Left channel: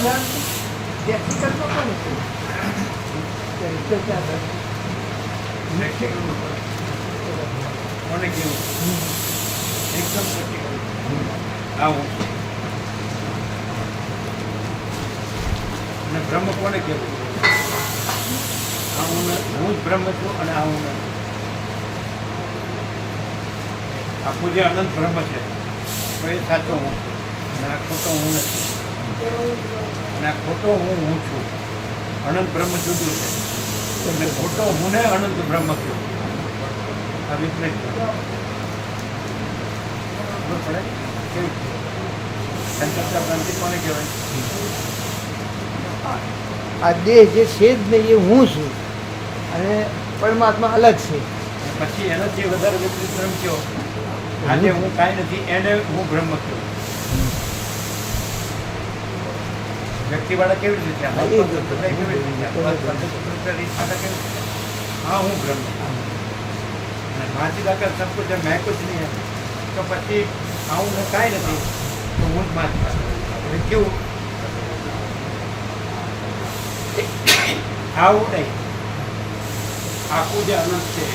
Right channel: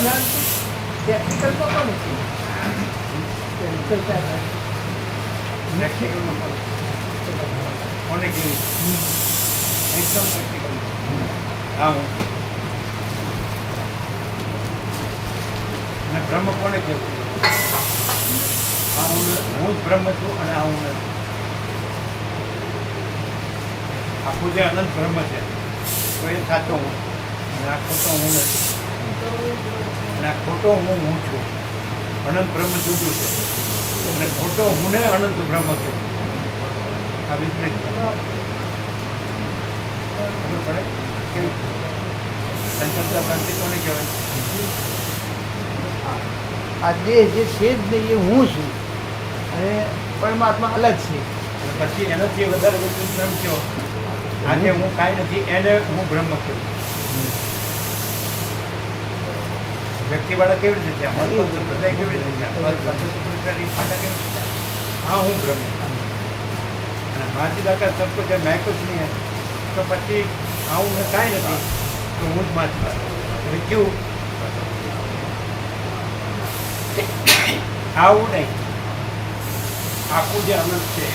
ભ્રાંતિ ટેકનિકલ તો કોણ છે? પ્રેક્ટિકલ કોને કેવું? એકદમ પ્રેક્ટિકલ. હા હું છું. અને બ્રહ્મ કોને કેવું? આ હું જ બ્રહ્મ છું અને આ હું નથી. આખું જે અનંત બ્રહ્મ છે તો એ સાચો હું છું અને આ ખોટો હું નથી. અને આ ખોટો હું છું. અનંત બ્રહ્મ જુદું છે અને ખોટો હું ને અનંત બ્રહ્મ કેવું? આ વિપરીત ખબર પડે કેવી? સંકલ્પના ભ્રાંતિ કોને કહેવાય? આ દેહ જે છે જ નહીં એ હું છું અને પરમાત્મા અલગ છે. અને પછી એનાથી વધારે વિપરીત બ્રહ્મ કયો? આજે હું કાંઈ નથી એને હું બ્રહ્મ કેવું? વ્યક્તિવાળા કેવી રીતે થયા? મત સંપ્રદાય કેવી રીતે થયા? ફાટા કેવી રીતે થયા? હા હું બ્રહ્મ. અને માચીદાકા સબ કુછ મેં કુછ નહીં હે તો પછી આવું ને કાંઈ નથી તો હું જ માચીદાકા. એટલે કેવું? આવું નહીં. આખું જે અનંત છે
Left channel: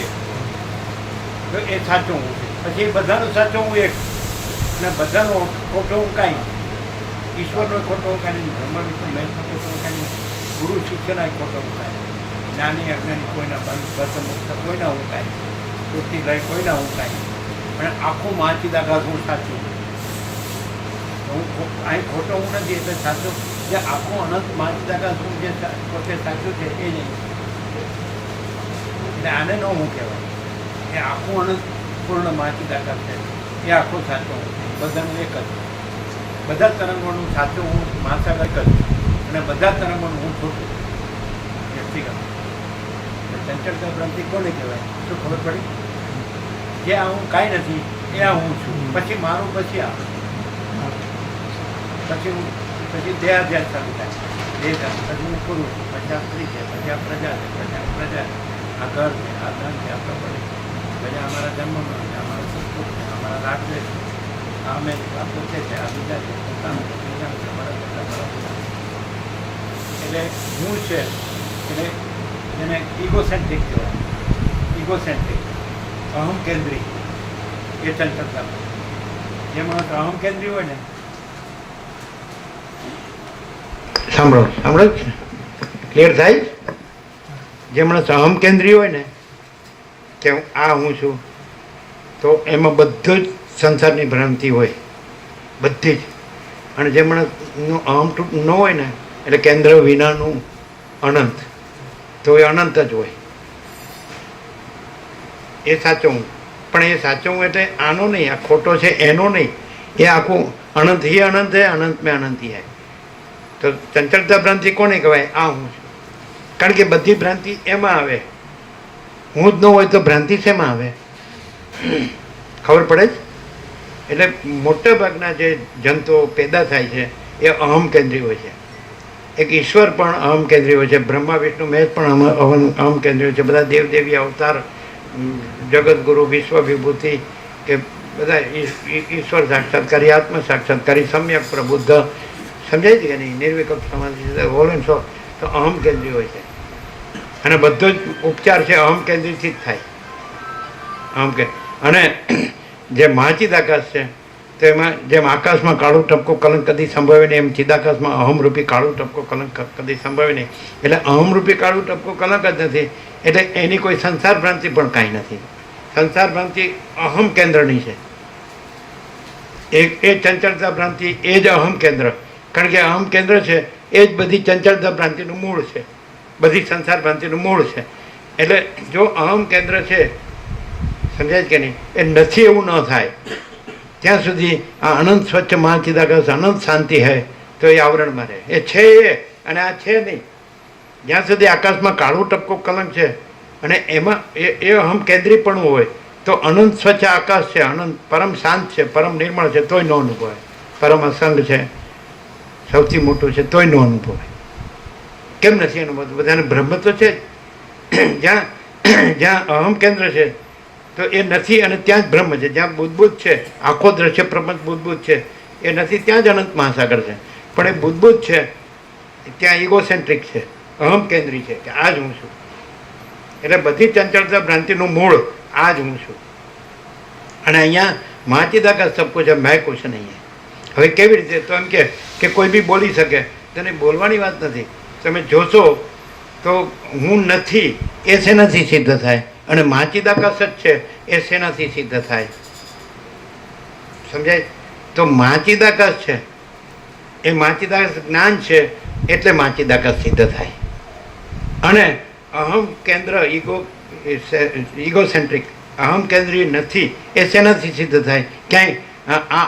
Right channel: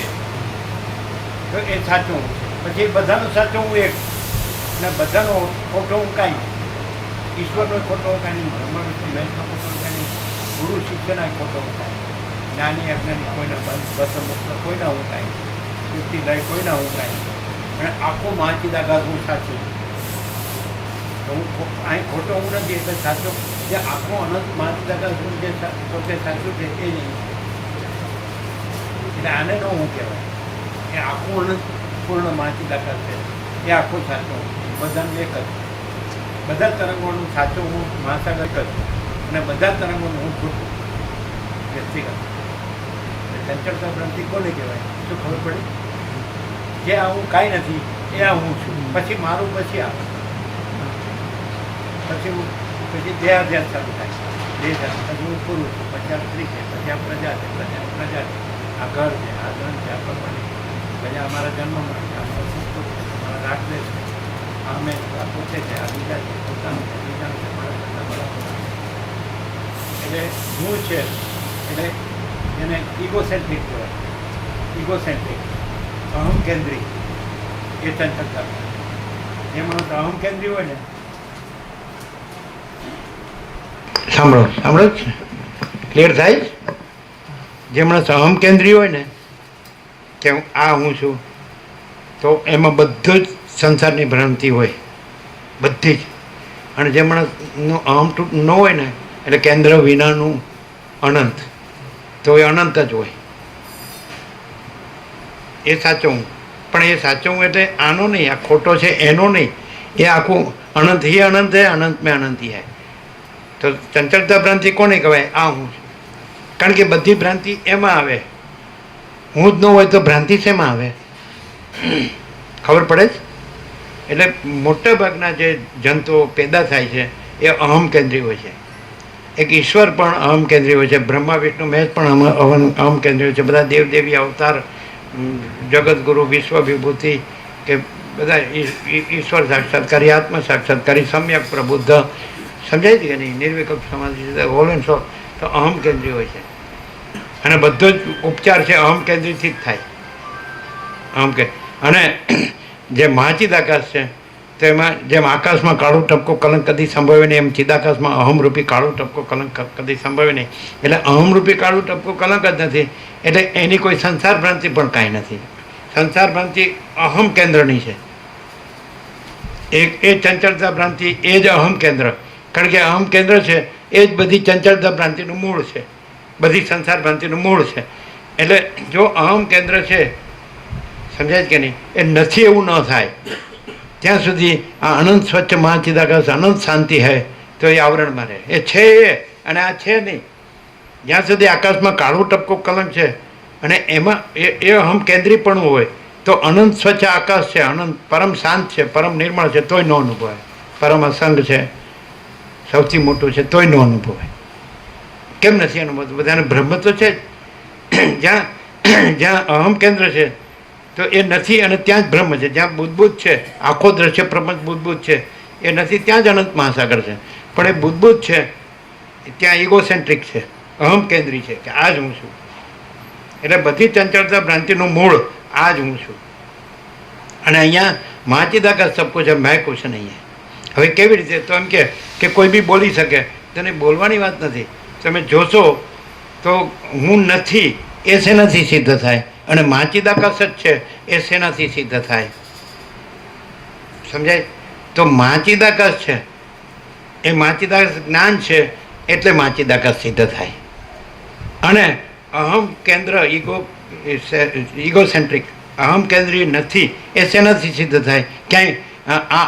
તો એ સાચો હું છે. પછી બધાનો સાચો હું એક અને બધાનો ખોટો હું કાંઈ. ઈશ્વરનો ખોટો હું કાંઈ નહીં. બ્રહ્મ વિષ્ણુ મહેશનો ખોટો હું કાંઈ નહીં. ગુરુ શિષ્યના ખોટો હું કાંઈ. જ્ઞાની અજ્ઞાની કોઈના બસ મુક્ત કોઈના હું કાંઈ. શ્રુતિ લય કોઈના હું કાંઈ. અને આખું માચીદાકાશ હું સાચું. તો હું અહીં ખોટો હું નથી એટલે સાચો. જે આખું અનંત માચીદાકાશ હું જે પોતે સાચું છે એ નહીં. એટલે આને ન હું કહેવાય. એ આખું અનંત પૂર્ણ માચીદાકાશ છે એ આખો સાચો હું. બધાનું એક જ. બધા તરંગોનું સાચું હું મહાસાગર જ અને બધા તરંગોનું હું ખોટું વ્યક્તિગત. ચંચળતા ભ્રાંતિ કોને કહેવાય? શું ખબર પડી? જે આ હું કાંઈ નથી એ આ હું છું. પછી મારું પછી આવે પછી દેહાધ્યાસ ચાલુ થાય. દેહ પછી હું પુરુષ છું, પછી આ સ્ત્રી છે, પછી આ પ્રજા છે, પ્રજા આ ઘર છે, આ ધન છે, આ પ્રોપર્ટી પછી અમારા જન્મ મરણ છે, અમારા સુખ દુઃખ છે, અમારા રાગદ્વેષ છે, આ અમે આ પોતે છે, આ બીજા છે, પોતાનું છે, બીજાનું છે, બળદ કરતા બળદ. એટલે હું છે એટલે એને ઇગોસેન્ટ્રિક કહેવાય. ઇગોસેન્ટ્રિક અહમ કેન્દ્રી એ ચંચળતા. જે માણસ અહમ કેન્દ્રી હોય ને સાંભળો ક્લિયર થાય? જે માણસ અહમ કેન્દ્રી હોય ને કે આ હું છું તો એમાં બધું જ સંસારની ભ્રાંતિ હોય બધી જ. અને જે માણસનું અહમ ન હોય ને એટલે કેન્દ્ર વિનાનું અનંત તો એ અનંત જ હોય. એ સાચો હું. પણ એ સાચો હું એટલે આનો નહીં, આ ખોટો છે એનો નહીં. એ આખું અનંત ही અનંત है, અનંત में अनंत ही है. તો ચંચળતા ભ્રાંતિ કોને કહેવાય? આ હું છું. કારણ કે બધી ભ્રાંતિ એમાં આવે. હું જ ન હોય તો ભ્રાંતિ શેમાં આવે? ખબર પડે જ? એટલે મોટા ભાગના જે જંતુઓ પેદા થાય છે એ અહમ કેન્દ્રી હોય છે. એક ઈશ્વર પણ અહમ કેન્દ્રી હોય છે, બ્રહ્મા વિષ્ણુ મહેશ પણ અહમ કેન્દ્રી હોય છે. બધા દેવદેવી અવતાર, જગતગુરુ, વિશ્વ વિભૂતિ કે બધા ઈશ્વર સાક્ષાત્કારી, આત્મ સાક્ષાત્કારી, સમ્યક પ્રબુદ્ધ, સમજાય છે કે નહીં? નિર્વિકલ્પ સમાધિ હોલ એન્ડ સો. તો અહમ કેન્દ્રી હોય છે અને બધો જ ઉપચાર છે અહમ કેન્દ્રીથી જ થાય. અહમ કે અને જે મહાચિદાકાશ છે તો એમાં જેમ આકાશમાં કાળું ટપકો કલંક કદી સંભવે નહીં, એમ ચિદાકાશમાં અહમરૂપી કાળું ટપકો કલંક કદી સંભવે નહીં. એટલે અહમરૂપી કાળું ટપકો કલંક જ નથી. એટલે એની કોઈ સંસાર ભ્રાંતિ પણ કાંઈ નથી. સંસાર ભ્રાંતિ અહમ કેન્દ્રની છે. એ ચંચળતા ભ્રાંતિ એ જ અહમ કેન્દ્ર. કારણ કે અહમ કેન્દ્ર છે એ જ બધી ચંચળતા ભ્રાંતિનું મૂળ છે, બધી સંસાર ભ્રાંતિનું મૂળ છે. એટલે જો અહમ કેન્દ્ર છે, સમજાય કે નહીં? એ નથી એવું ન થાય ત્યાં સુધી આ અનંત સ્વચ્છ મહાચિદાકાશ અનંત શાંતિ હૈ તો એ આવરણમાં રહે. એ છે એ અને આ છે નહીં. જ્યાં સુધી આકાશમાં કાળું ટપકો કલંક છે અને એમાં એ અહમ કેન્દ્રીપણું હોય તો અનંત સ્વચ્છ આકાશ છે, અનંત પરમ શાંત છે, પરમ નિર્મળ છે, તોય ન અનુભવાય. પરમ અસંગ છે, સૌથી મોટું છે, તોય ન અનુભવાય. કેમ નથી અનુભવતું? બધાને બ્રહ્મ તો છે જ. જ્યાં અહમ કેન્દ્ર છે તો એ નથી અને ત્યાં જ બ્રહ્મ છે. જ્યાં બુદ્ધબુદ્ધ છે, આખો દ્રશ્ય પ્રપંચ બુદ્ધબુદ્ધ છે, એ નથી ત્યાં જ અનંત મહાસાગર છે. પણ એ બુદ્ધબુદ્ધ છે ત્યાં ઇગોસેન્ટ્રિક છે, અહમ કેન્દ્રી છે કે આ જ હું છું. એટલે બધી ચંચળતા ભ્રાંતિનું મૂળ આ જ હું છું. અને અહીંયા મહાચિદાકાશ સબ કુછ મેં કુછ નહીં હૈ. હવે કેવી રીતે? તો એમ કે કોઈ બી બોલી શકે, તેને બોલવાની વાત નથી. તમે જોશો તો હું નથી એ શેનાથી સિદ્ધ થાય, અને મહાચિદાકાશ જ છે એ શેનાથી સિદ્ધ થાય? સમજાય? તો મહાચિદાકાશ છે એ મહાચિદાકાશ જ્ઞાન છે એટલે મહાચિદાકાશ સિદ્ધ થાય. અને અહમ કેન્દ્ર ઇગોસેન્ટ્રિક અહમ કેન્દ્રીય નથી એ શેનાથી સિદ્ધ થાય? ક્યાંય આ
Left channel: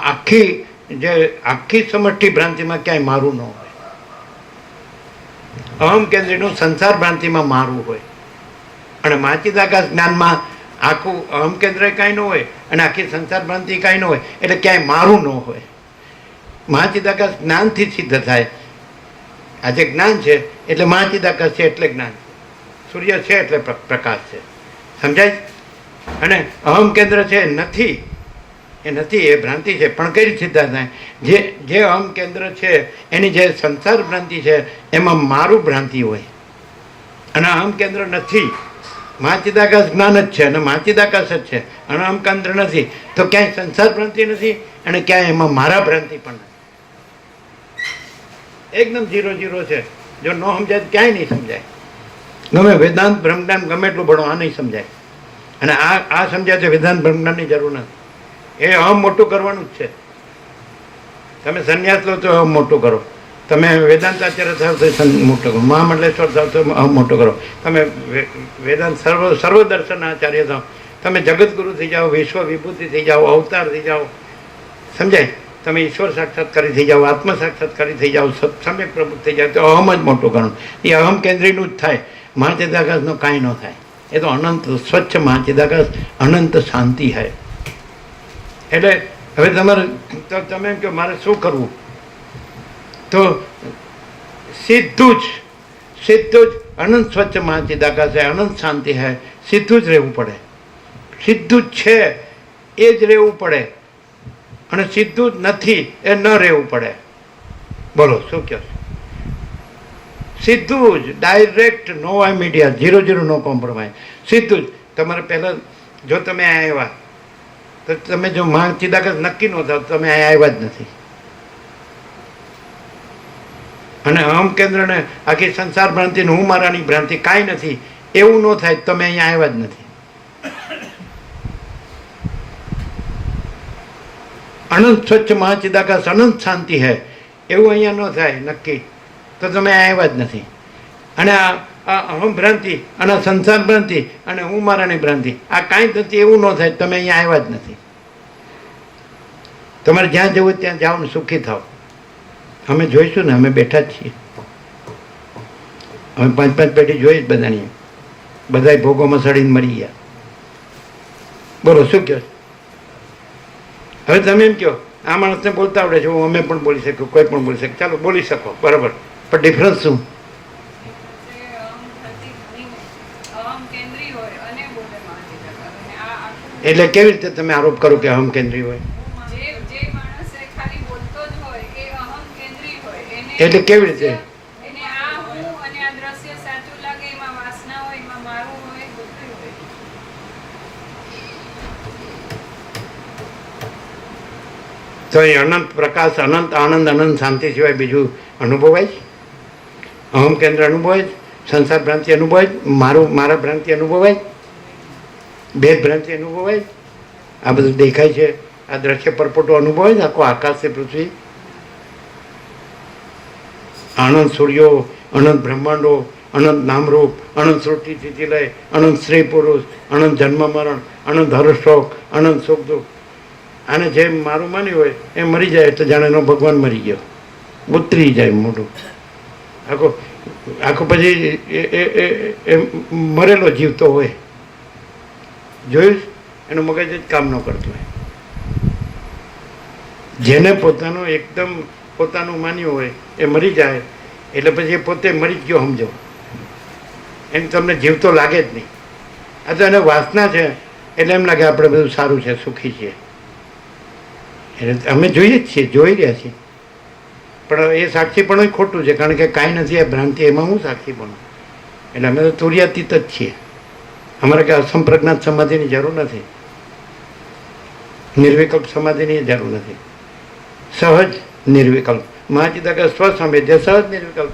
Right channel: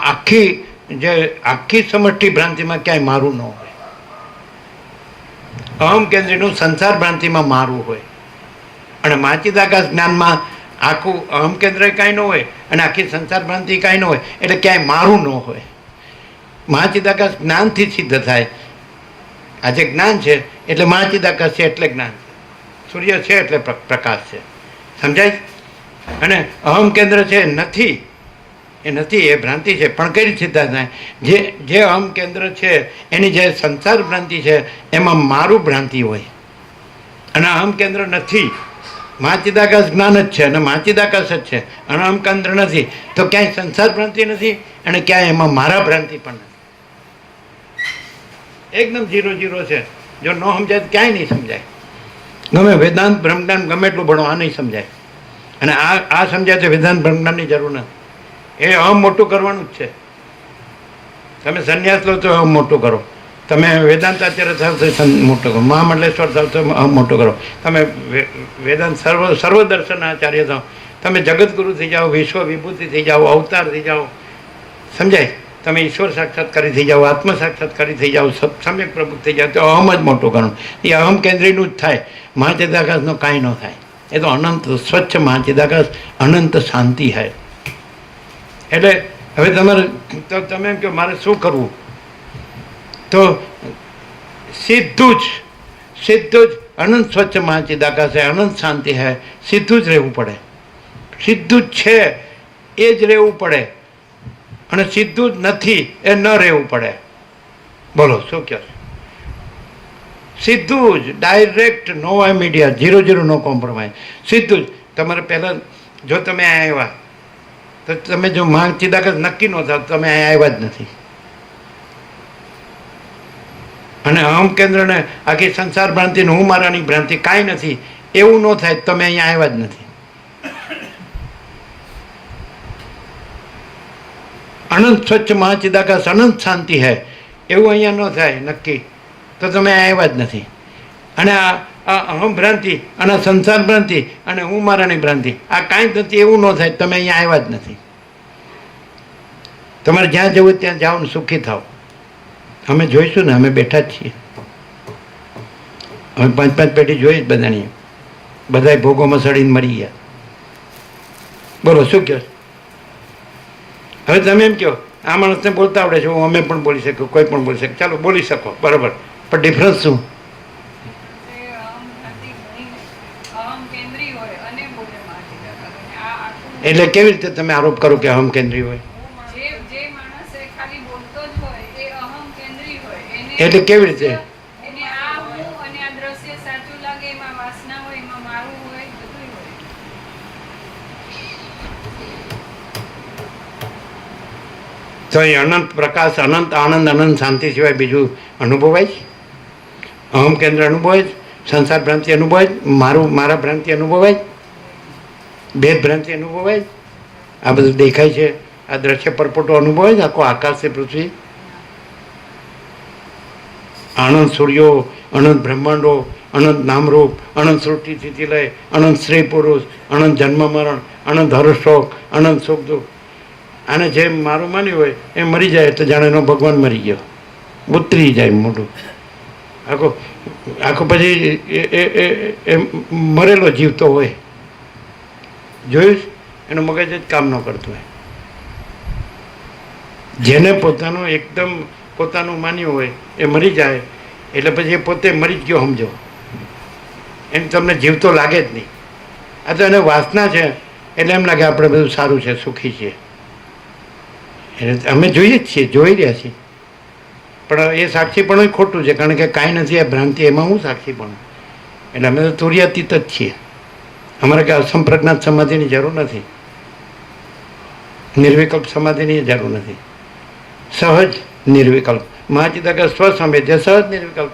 આખી સમષ્ટિ ભ્રાંતિમાં ક્યાંય મારું ન હોય. અહમ કેન્દ્રીયનું સંસાર ભ્રાંતિમાં મારું હોય, અને મહાચિદાકાશ જ્ઞાનમાં આખું અહમ કેન્દ્ર કાંઈ ન હોય અને આખી સંસાર ભ્રાંતિ કાંઈ ન હોય, એટલે ક્યાંય મારું ન હોય. મહાચિદાકાશ જ્ઞાનથી સિદ્ધ થાય. આ જે જ્ઞાન છે એટલે મહાચિદાકાશ છે એટલે જ્ઞાન. સૂર્ય છે એટલે પ્રકાશ છે. સમજાય? અને અહમ કેન્દ્ર છે નથી એ ભ્રાંતિ છે. પણ કઈ રીતે સિદ્ધ થાય? જે અહમ કેન્દ્ર છે એની જે સંસાર ભ્રાંતિ છે એમાં મારું ભ્રાંતિ હોય, અને અહમ કેન્દ્ર નથી. મહાચિદાકાશ જ્ઞાન જ છે અને મહાચિદાકાશ જ છે, અને અહમ કેન્દ્ર નથી. તો ક્યાંય સંસાર ભ્રાંતિ નથી અને ક્યાંય એમાં મારા ભ્રાંતિ પણ નથી. એકદમ 0-0 છે. જો ન સમજાય તો ક્યાંય નહીં સમજાય. ગમે વેદાંત બ્રહ્મજ્ઞાન ગમે એટલું ભણો, આ નહીં સમજાય. અને આ સમજાય છે વેદાંત બ્રહ્મજ્ઞાનની જરૂર નથી. એ અહમ મોટું કરવાનું જ છે. તમે સંન્યાસ લો તો અહમ મોટું કરો, તમે વેદાંત આચાર્ય થાવ તો મોટું કરો, મહામંડલેશ્વર થાવ તો અહમ મોટું કરો, તમે વેદાંત સર્વદર્શન આચાર્ય થાવ, તમે જગતગુરુ થઈ જાઓ, વિશ્વ વિભૂતિ થઈ જાઓ, અવતાર થઈ જાઓ. સમજાય? તમે ઈશ્વર સાક્ષાત્કારી થઈ જાઓ, આત્મ સાક્ષાત્કારી થઈ જાઓ, સમ્યક પ્રભુ થઈ જાઓ, તો અહમ જ મોટું ગણો. એ અહમ કેન્દ્રીયનું જ થાય. મહાચિદાકાશનું કાંઈ ન થાય. એ તો અનંત સ્વચ્છ મહાચિદાકાશ, અનંત શાંતિ હૈ. એટલે હવે તમારે તો તમે એમ કહો મારે શું કરવું? તો સીધું જ અનંત સ્વચ્છ મહાચિદાકાશ હૈ, અનંત શાંતિ હૈ, સીધું જ રહેવું પડે. સીધું જ છે એ જ રહેવું પડે, અને સીધું જ નથી એ ન રહેવું પડે. બોલો શું કહો? સીધું જ ડાયરેક્ટ, નો મીડિયા, 0-0 નો કોમ્પ્રોમાઇઝ, સીધું જ. તમારે પહેલાં જો તમે આવ્યા તો તમે જો મહાચિદાકાશ નક્કી ન થાવ તમે આવ્યા જ નથી. અને અહમ કેન્દ્રને આખી સંસાર ભ્રાંતિ, હું મારાની ભ્રાંતિ કાંઈ નથી એવું ન થાય તમે અહીંયા આવ્યા જ નથી. અનંત સ્વચ્છ મહાચિદાકાશ, અનંત શાંતિ હૈ એવું અહીંયા ન થાય નક્કી તો તમે આવ્યા જ નથી. અને આ અહમ ભ્રાંતિ અને સંસાર ભ્રાંતિ અને હું મારાની ભ્રાંતિ આ કાંઈ જ નથી એવું ન થાય તમે અહીંયા આવ્યા જ નથી. તમારે જ્યાં જવું ત્યાં જાઓ ને સુખી થાવ. અમે જોઈશું ને, અમે બેઠા જ છીએ. અમે 5-5 પેઢી જોઈ જ બધાની, બધાય ભોગોમાં સડીને મરી ગયા. બોલો શું કહો? હવે તમે એમ કહો આ માણસને બોલતા આવડે છે, અમે પણ બોલી શકું, કોઈ પણ બોલી શકે, ચાલો બોલી શકો, બરાબર. પણ ડિફરન્સ શું? એટલે કેવી રીતે તમે આરોપ કરો કે અહમ કેન્દ્રી હોય? એટલે કેવી રીતે? તો એ અનંત પ્રકાશ, અનંત આનંદ, અનંત શાંતિ સિવાય બીજું અનુભવાય? અહમ કેન્દ્ર અનુભવાય, સંસાર ભ્રાંતિ અનુભવાય, મારા ભ્રાંતિ અનુભવાય, ભેદ ભ્રાંતિ અનુભવાય, આ બધું દેખાય છે, આ દ્રશ્ય પરપોટો અનુભવાય, આખો આકાશ છે, પૃથ્વી, અનંત સૂર્યો, અનંત બ્રહ્માંડો, અનંત નામરૂપ, અનંત સૃષ્ટિ સ્થિતિલય, અનંત સ્ત્રી પુરુષ, અનંત જન્મ મરણ, અનંત હર્ષશોક, અનંત સુખ દુઃખ. આને જે મારું માન્યું હોય એ મરી જાય તો જાણે એનો ભગવાન મરી ગયો, ઉતરી જાય મોઢું આખો પછી એ મરેલો જીવતો હોય. જોયું? એનું મગજ જ કામ ન કરતું હોય. જેને પોતાનું એકદમ પોતાનું માન્યું હોય એ મરી જાય એટલે પછી એ પોતે મરી જ ગયો સમજો, એમ તમને જીવતો લાગે જ નહીં. આ તો એને વાસના છે એટલે એમ લાગે આપણે બધું સારું છે, સુખી છીએ. એટલે અમે જોઈએ જ છીએ, જોઈ રહ્યા છીએ. પણ એ સાક્ષીપણું ખોટું છે, કારણ કે કાંઈ નથી આ ભ્રાંતિ, એમાં હું સાક્ષીપણું. એટલે અમે તો તુર્યાતીત જ છીએ. અમારે કે અસંપ્રજ્ઞાત સમાધિની જરૂર નથી, નિર્વિકલ્પ સમાધિની જરૂર નથી. સહજ નિર્વિકલ્પ મહાચિદાકાશ સ્વસંવેદ્ય સહજ નિર્વિકલ્પ.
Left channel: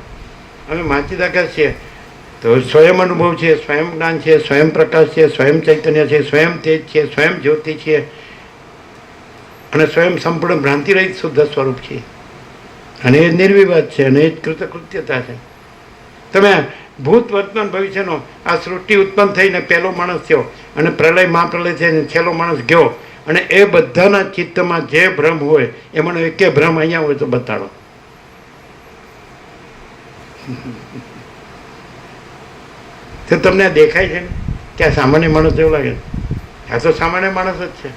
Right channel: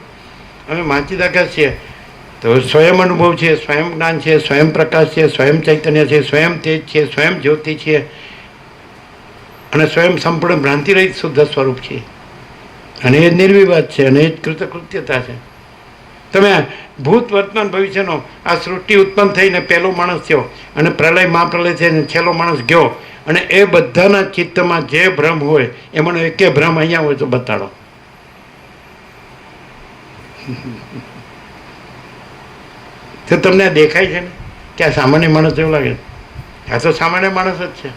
અમે મહાચિદાકાશ છીએ તો સ્વયં અનુભવ છે, સ્વયં જ્ઞાન છે, સ્વયં પ્રકાશ છે, સ્વયં ચૈતન્ય છે, સ્વયં તેજ છે, સ્વયં જ્યોતિ છે, અને સ્વયં સંપૂર્ણ ભ્રાંતિ રહિત શુદ્ધ સ્વરૂપ છે. અને એ નિર્વિવાદ છે, અને એ જ કૃતકૃત્યતા છે. તમે ભૂત વર્તમાન ભવિષ્યનો આ સૃષ્ટિ ઉત્પન્ન થઈને પહેલો માણસ થયો, અને પ્રલય મહાપ્રલય થઈને છેલ્લો માણસ ગયો, અને એ બધાના ચિત્તમાં જે ભ્રમ હોય એમાંનો એકે ભ્રમ અહીંયા હોય તો બતાડો. તો તમને આ દેખાય છે ને કે આ સામાન્ય માણસ જેવું લાગે છે? આ તો સામાન્ય માણસ જ છે.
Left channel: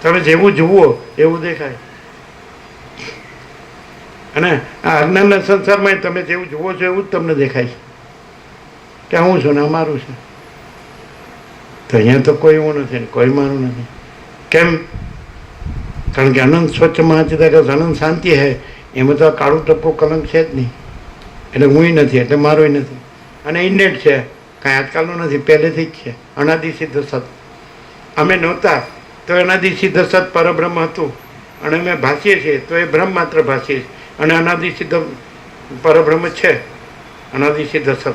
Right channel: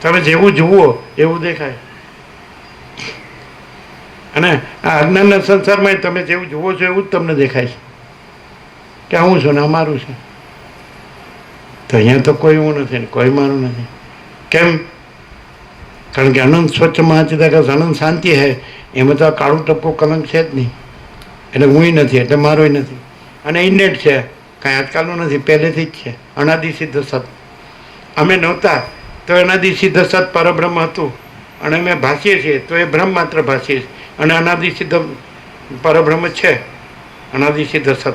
તમે જેવું જુઓ એવું દેખાય. અને આ અજ્ઞાનના સંસારમાં તમે જેવું જુઓ છો એવું જ તમને દેખાય છે કે હું છું ને અમારું છે. તો અહીંયા તો કોઈ હું નથી, કોઈ મારું નથી. કેમ? કારણ કે અનંત સ્વચ્છ મહાચિદાકાશ અનંત શાંતિ હે, એમાં તો કાળું ટપકું કલંક છે જ નહીં. એટલે હુંય નથી, એટલે મારોય નથી. અને ઇન્નેટ છે, કાંઈ આજકાલનું નથી, પહેલેથી જ છે. અનાદિ સિદ્ધ સત. અમે નહોતા તો અનાદિ સિદ્ધ સત પરબ્રહ્મ હતું, અને અમે ભાસીએ છીએ તો એ બ્રહ્મ માત્ર ભાસીએ છીએ. અને અનાદિ સિદ્ધ પરબ્રહ્મ છે, અનાદિ સિદ્ધ સત.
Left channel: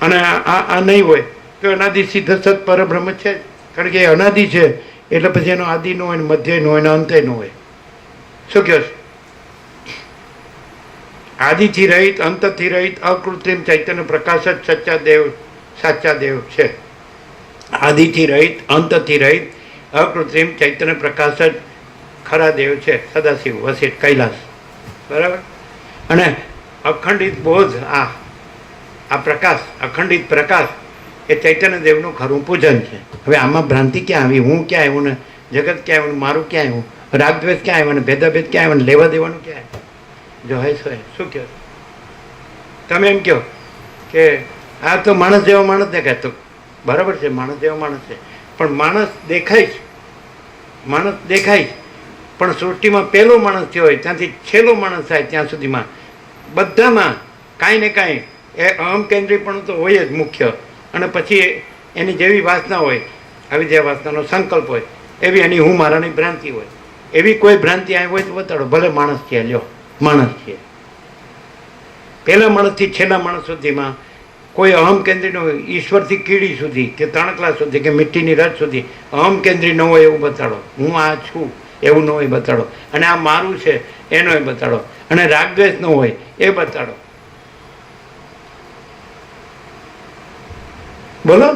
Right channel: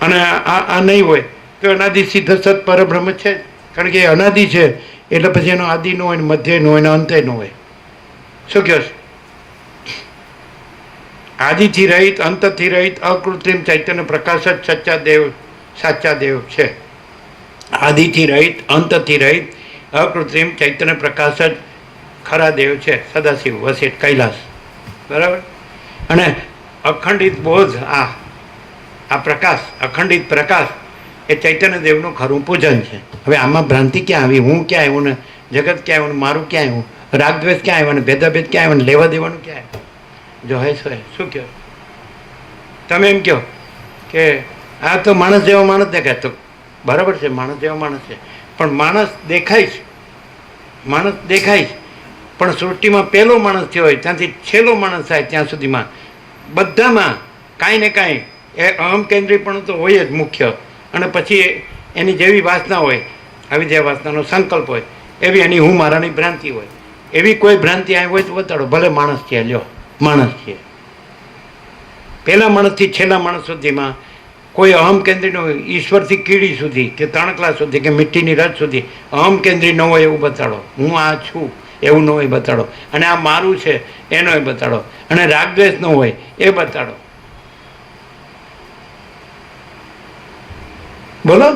અને આ નહીં હોય તો અનાદિ સિદ્ધ સત પરબ્રહ્મ છે, કારણ કે એ અનાદિ છે. એટલે પછી એનો આદિ ન હોય, મધ્ય ન હોય, ને અંતે ન હોય. શું કહો છો? આદિથી રહિત, અંતથી રહિત, અકૃત્રિમ ચૈતન્ય પ્રકાશ જ સચ્ચા દેવ, સાચા દેવ છે. આદિથી રહિત, અંતથી રહિત, અકૃત્રિમ ચૈતન્ય પ્રકાશ જ ખરા દેવ છે. સદાશિવ, વસિષ્ઠ, કૈલાસ. બરાબર? અને અખંડિત બોધ, આ પ્રકાશ, અખંડિત પ્રકાશ એ ચૈતન્ય દેવનું ખરું પૂજન છે. હવે આમાં ભ્રાંતિ ક્યાં આવી? હું ક્યાં આવ્યું ને જગત ક્યાં આવ્યું, મારું ક્યાં આવ્યું, રાગદ્વેષ ક્યાં આવ્યો ને ભેદાભેદ ક્યાં આવ્યો ને લેવા દેવાનું ક્યાં આવ્યું? જો હે શું કહો તમે? એમ કહો કે આ તો માણસ જેવા માણસ દેખાય. તો બરાબર છે, માણસ જેવા માણસ છે, પણ માણસ દેખાય છે, માણસ દેખાય છે. પણ સૃષ્ટિમાં પહેલો માણસ થયો હોય ત્યાંથી છેલ્લો માણસ થાય ત્યાં સુધીમાં બધામાં કાંઈ ને કાંઈ એ અહમ કેન્દ્રીયપણું તો હોય જ મુખ્ય. અને પછી એની જેવી વાસના હોય, આવી જે વાસનાનો સંકલ્પ હોય, એવી એની હું મારાની ભ્રાંતિ હોય. એવી કોઈ ભ્રાંતિ આવી હોય તો બતાડો. ભલે માણસ છે, લ્યો માણસ છે. પહેલા માણસથી છેલ્લા માણસ સુધીમાં કોઈ અહમ કેન્દ્રી ન હોય. ઈશ્વરથી કીડી સુધી કે તણકલા સુધી કે મીઠીની રજ સુધી અહમ કેન્દ્રી ન હોય એવું બતાડો. હું આ છું એવું ન હોય બતાડો. અને આ મારું છે એનો એ બતાડો. અને રાગદ્વેષ ન હોય એ બતાડો. બોલો.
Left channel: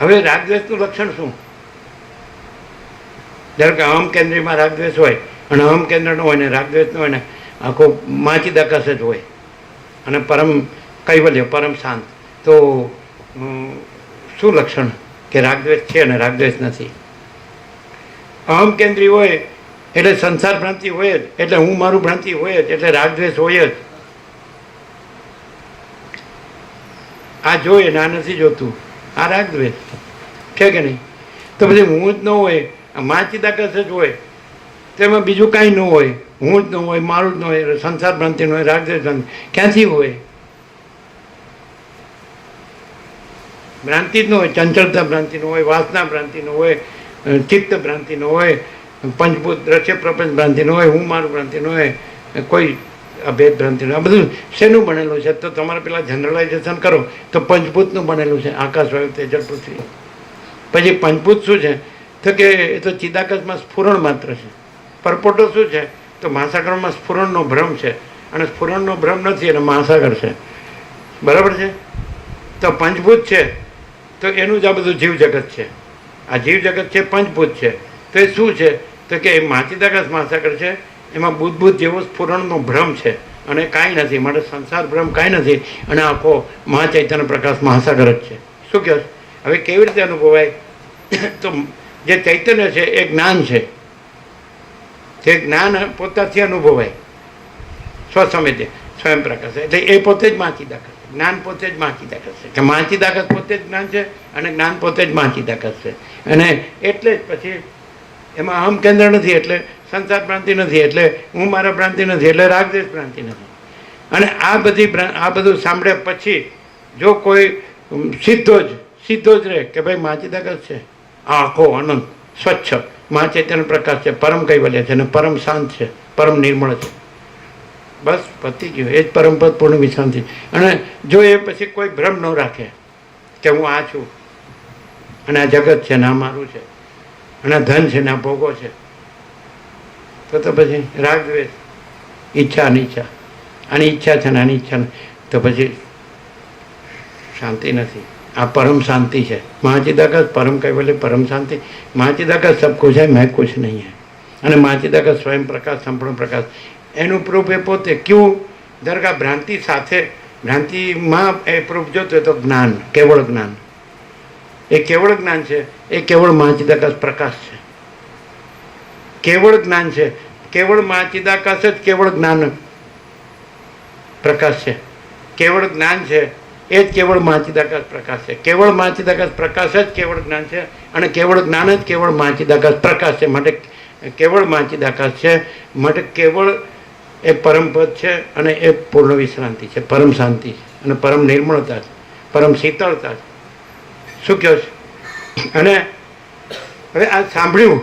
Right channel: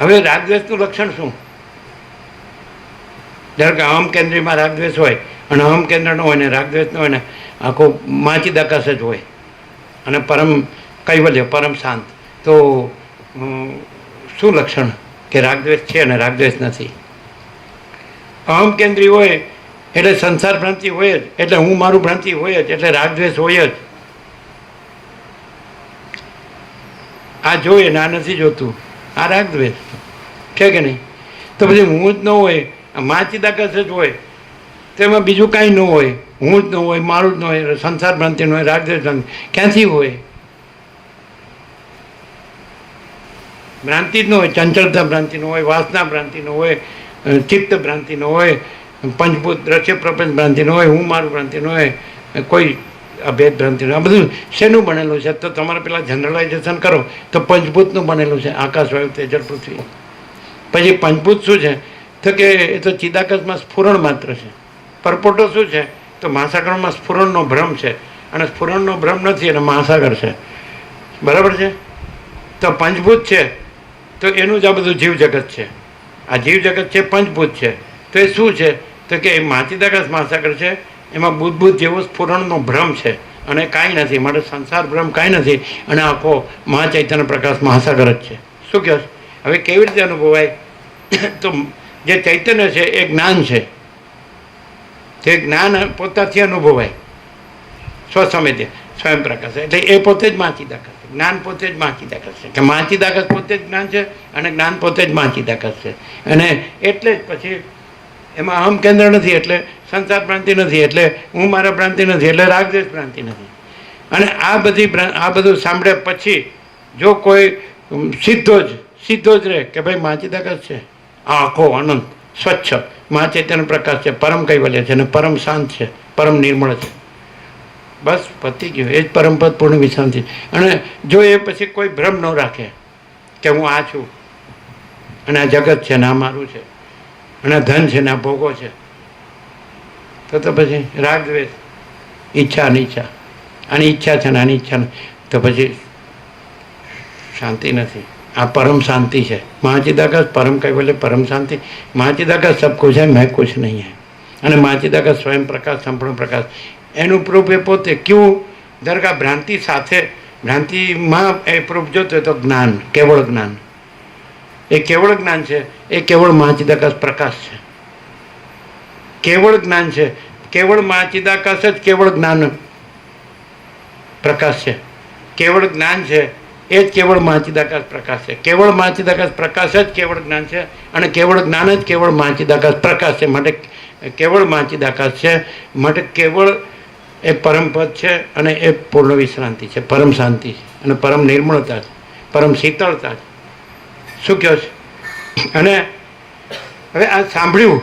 હવે રાગદ્વેષનું લક્ષણ શું? ધારો કે અહમ કેન્દ્રીમાં રાગદ્વેષ હોય અને અહમ કેન્દ્ર ન હોય ને રાગદ્વેષ ન હોય ને આખો માચિદાકાશ જ હોય અને પરમ કૈવલ્ય, પરમ શાંત, તો શું લક્ષણ? કે રાગદ્વેષ છે અને રાગદ્વેષ નથી. અહમ કેન્દ્રી હોય એટલે સંસાર ભ્રાંતિ હોય જ, એટલે હું મારું ભ્રાંતિ હોય જ, એટલે રાગદ્વેષ હોય જ. આ જોઈએ ને આ નથી જોતું, આ રાગદ્વેષ છે કે નહીં? તો પછી હું જ ન હોય, માચિદાકાશ જ હોય, તેમાં બીજું કાંઈ ન હોય, હું જ ન હોય, મારું જ ન હોય, સંસાર ભ્રાંતિ ન હોય, રાગદ્વેષ ક્યાંથી હોય? ભ્રાંતિ જ ન હોય, ચંચળતા ભ્રાંતિ ન હોય, વાસના ભ્રાંતિ ન હોય, ચિત્ત ભ્રાંતિ ન હોય, પંચભૂત દ્રશ્ય પ્રપંચ ભ્રાંતિ ન હોય, હું મારું ભ્રાંતિ ન હોય, કોઈ અભેદ ભ્રાંતિ. આ બધું શેનું બનેલું છે? તો તમારે પેલા જનરલાઇઝેશન કરો તો પંચભૂતનું બનેલું છે, આકાશ, વાયુ, તેજલ, પૃથ્વી. પછી પંચભૂત શું છે? તો કે એ તો ચિદાકાશમાં સ્ફુરણ માત્ર છે. પરપોટો શું છે? તો મહાસાગરમાં સ્ફુરણનો ભ્રમ છે, અને સ્ફુરણનો ભ્રમ નથી એટલે મહાસાગર છે. બરાબર છે? તો પંચભૂત છે તો એનું જ આ બધું જીવ જગત છે. આ જીવ જગત છે, પંચભૂત છે. તો એ શું છે? તો કે એ માચિદાકાશ મહાસાગર છે, એમાં બુદ્ધ જેવો સ્ફુરણનો ભ્રમ છે, અને કાંઈ નથી. માટે સંસાર ભ્રમ કાંઈ નથી, અને આખો મહાચૈતન્ય પ્રકાશ મહાસાગર જ છે. શું કહે? હવે કેવી રીતે અનુભવાય? તો જે ચૈતન્ય છે એ જ્ઞાન છે, જે જ્ઞાન પોતાથી અનુભવાય. સ્વસમેધ્ય, સ્વયં પ્રકાશ, એટલે એ પોતે જ માચિદાકાશ છે. જ્ઞાન પોતે જ માચિદાકાશ છે. કે માચિદાકાશ પોતે જ જ્ઞાન છે, અને જ્ઞાન પોતે જ માચિદાકાશ છે. અને એટલે જ પછી એમાં અહમ કેન્દ્ર નથી એટલે સંસાર ભ્રાંતિ નથી, એટલે હું મારા ભ્રાંતિ નથી, એટલે રાગદ્વેષ ભ્રાંતિ નથી. અને આ બધું સાંભળ્યા પછી જો કોઈ સીધો જ રહે કે ભાઈ મહાચિદાકાશ છે, આ આખો આનંદ સ્વચ્છ મહાચૈતન્ય પ્રકાશ છે, પરમ કૈવલ્ય છે અને પરમ શાંત છે, પરમ નિર્મળ છે, બસ પતી ગયું. એ જ પરમ પદ પૂર્ણ વિશ્રાંતિ. અને જો એ પછી કોઈ ભ્રમ ન રાખે કે હું આ છું અને આ જગત છે ને આ મારું છે અને આ ધન છે ને આ ભોગો છે, તો પછી રાગ દ્વેષ, ઈચ્છા અનિચ્છા, આની ઈચ્છા છે ને આની ઈચ્છા નથી, તો પછી શાંતિ નથી. આ પરમ શાંતિ છે. મહાચિદાકાશ પરમ કૈવલ્ય પરમ શાંતિ. મહાચિદાકાશ સબ કુછ है, मैं कुछ नहीं है. અને મહાચિદાકાશ સ્વયં પ્રકાશ, સંપૂર્ણ પ્રકાશ. એનું પ્રૂફ એ પોતે ક્યું દરગાહ ભ્રાંતિ સાથે, ભ્રાંતિમાં એ પ્રૂફ જોતો હોય તો જ્ઞાન, કેવળ જ્ઞાન. એ કેવળ જ્ઞાન છે, એ કેવળ મહાચિદાકાશ પ્રકાશ છે, કેવળ જ્ઞાન છે. કેવળ મહાચિદાકાશ જ કેવળ જ્ઞાન પ્રકાશ છે. કેવળ જ્ઞાન છે એ જ કેવળ મહાચિદાકાશ પ્રકાશ છે. કેવળ મહાચિદાકાશ પ્રકાશ જ કેવળ જ્ઞાન છે અને કેવળ જ્ઞાન જ કેવળ મહાચિદાકાશ પ્રકાશ છે. માટે કેવળ મહાચિદાકાશ છે, માટે કેવળ એ પરમપદ છે અને એ પૂર્ણ વિશ્રાંતિ છે, પરમ શાંતિ છે અને પરમ નિર્મળતા છે, પરમ શીતળતા છે. શું કહો છે? અને હવે આ સાંભળ્યું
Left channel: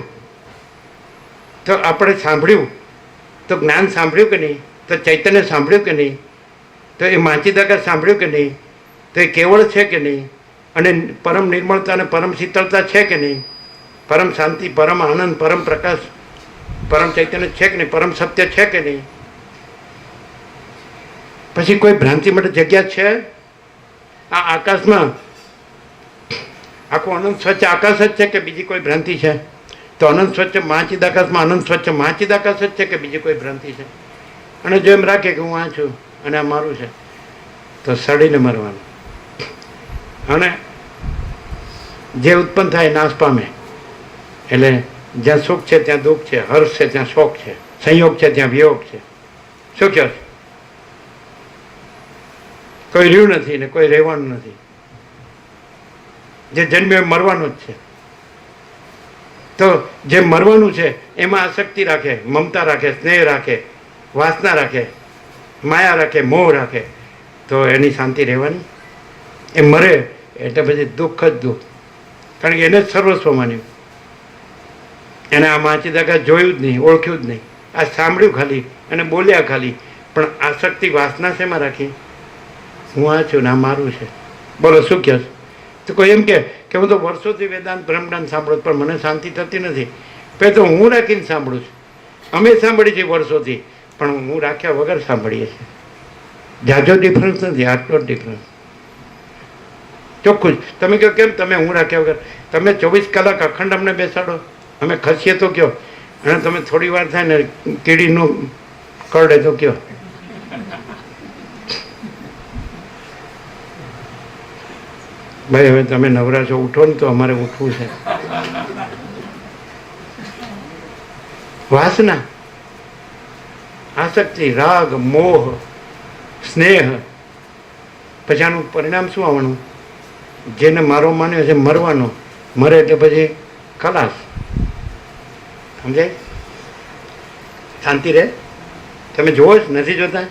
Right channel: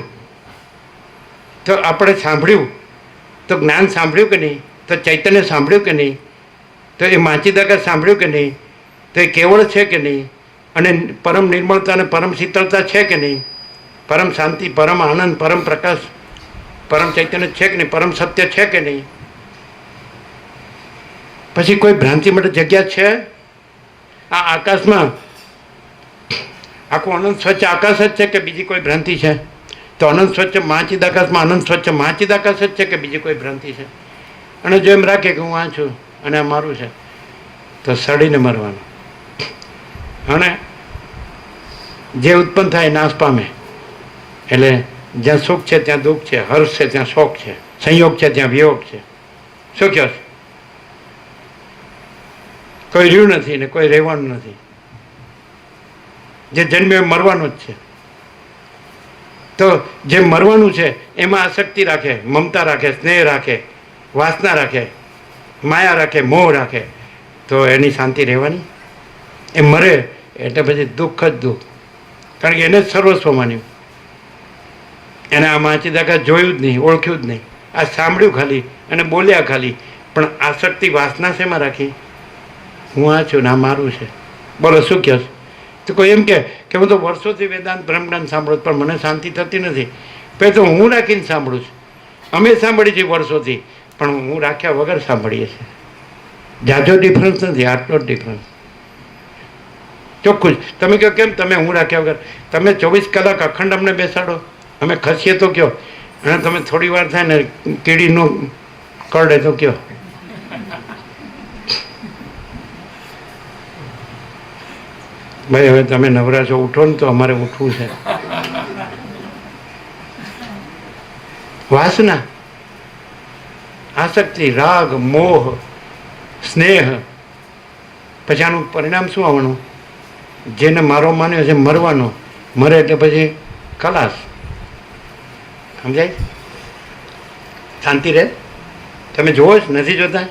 તો આપણે સાંભળ્યું તો જ્ઞાન સાંભળ્યું કે નહીં, તો ચૈતન્ય સાંભળ્યું કે નહીં, તો એ મહાચિદાકાશ સાંભળ્યું કે નહીં, તો એ કેવળ છે કે નહીં, અને પરમ નિર્મળતા અને પરમ શીતળતા છે કે નહીં, પરમ શાંતિ, પરમ આનંદ, પરમ પ્રકાશ, પરમ ચૈતન્ય છે કે નહીં, પરમ સત્ય છે કે નહીં, પછી કોઈ ભ્રાંતિ માટે જગ્યા છે? આ આકાશમાં આખું અનંત સ્વચ્છ આકાશ જ છે કે બીજી કોઈ ભ્રાંતિ છે? તો અનંત સ્વચ્છ મહાચિદાકાશમાં અનંત સ્વચ્છ મહાચિદાકાશ જ છે કે બીજી કોઈ ભ્રાંતિ છે? અને જો એમ રાખે કે હું આ છું અને આ મારું છે, તો સડીને મરવાનું. અને જે ઉત્પન્ન થાય નાશ પામે. એટલે જ્યાં સુખ છે ત્યાં દુઃખ છે, હર્ષ છે ત્યાં શોક છે, સંયોગ છે ત્યાં વિયોગ છે. શું કહો? કોઈ રહ્યું નથી ને કોઈ રહેવાનું નથી. જે જન્મે મરવાનું જ છે. તો જે મરવાનું છે એમાં આસક્તિ રાખે, મમતા રાખે, સ્નેહ રાખે, વાસના રાખે, માયા રાખે, મોહ રાખે, તો એની શાંતિ રહેવાની? એ મરે એટલે પછી દુઃખ જ દુઃખ, કારણ કે એને જ સર્વસ્વ માન્યું. એને આ મહાચિદાકાશ જોયું જ નહીં, ઓળખ્યું જ નહીં. આ સાંભળ્યું ખાલી અને બોલ્યા ખાલી, પણ આસક્તિ વાસના શેમાં રાખી? હું આ છું ને આ મારું છે. બોલો શું કહો છો? તો કોઈ એમ કે હું તો વર્ષોથી વેદાંત બ્રહ્મજ્ઞાન સાંભળું પણ મને શાંતિ થતી નથી. પહેલાં તો હું રાખીને સાંભળું છું. અમે સાંભળી છીએ વર્ષોથી, પણ હું રાખ્યા વગર સાંભળીએ છીએ. જાજો ડિફરન્સ નથી, આટલો જ ડિફરન્સ. ચોખ્ખું જ. તમે કહો કેમ તમે હું રાખ્યા વગર? તમે 24 કલાક અખંડ અમને બેસાડો, અમે ખસીએ તો કહો, અને તમે થોડી વાર થાય ને કીડીનું કરડે તો કહો. ભાઈ હવે તમે નવરા છો, ઉઠો ને, તો અમારે ઉઠવું છે. વાસના, આસક્તિ, રાગ, મોહ, સ્નેહ, પછી આનું પરિણામ શું આવવાનું? જેને મારો માન્યો છે મરવાનો, મરે એટલે પછી ખલાસ. સમજાય? શાંતિ રહે? તમે જોવો જ નથી જોતા?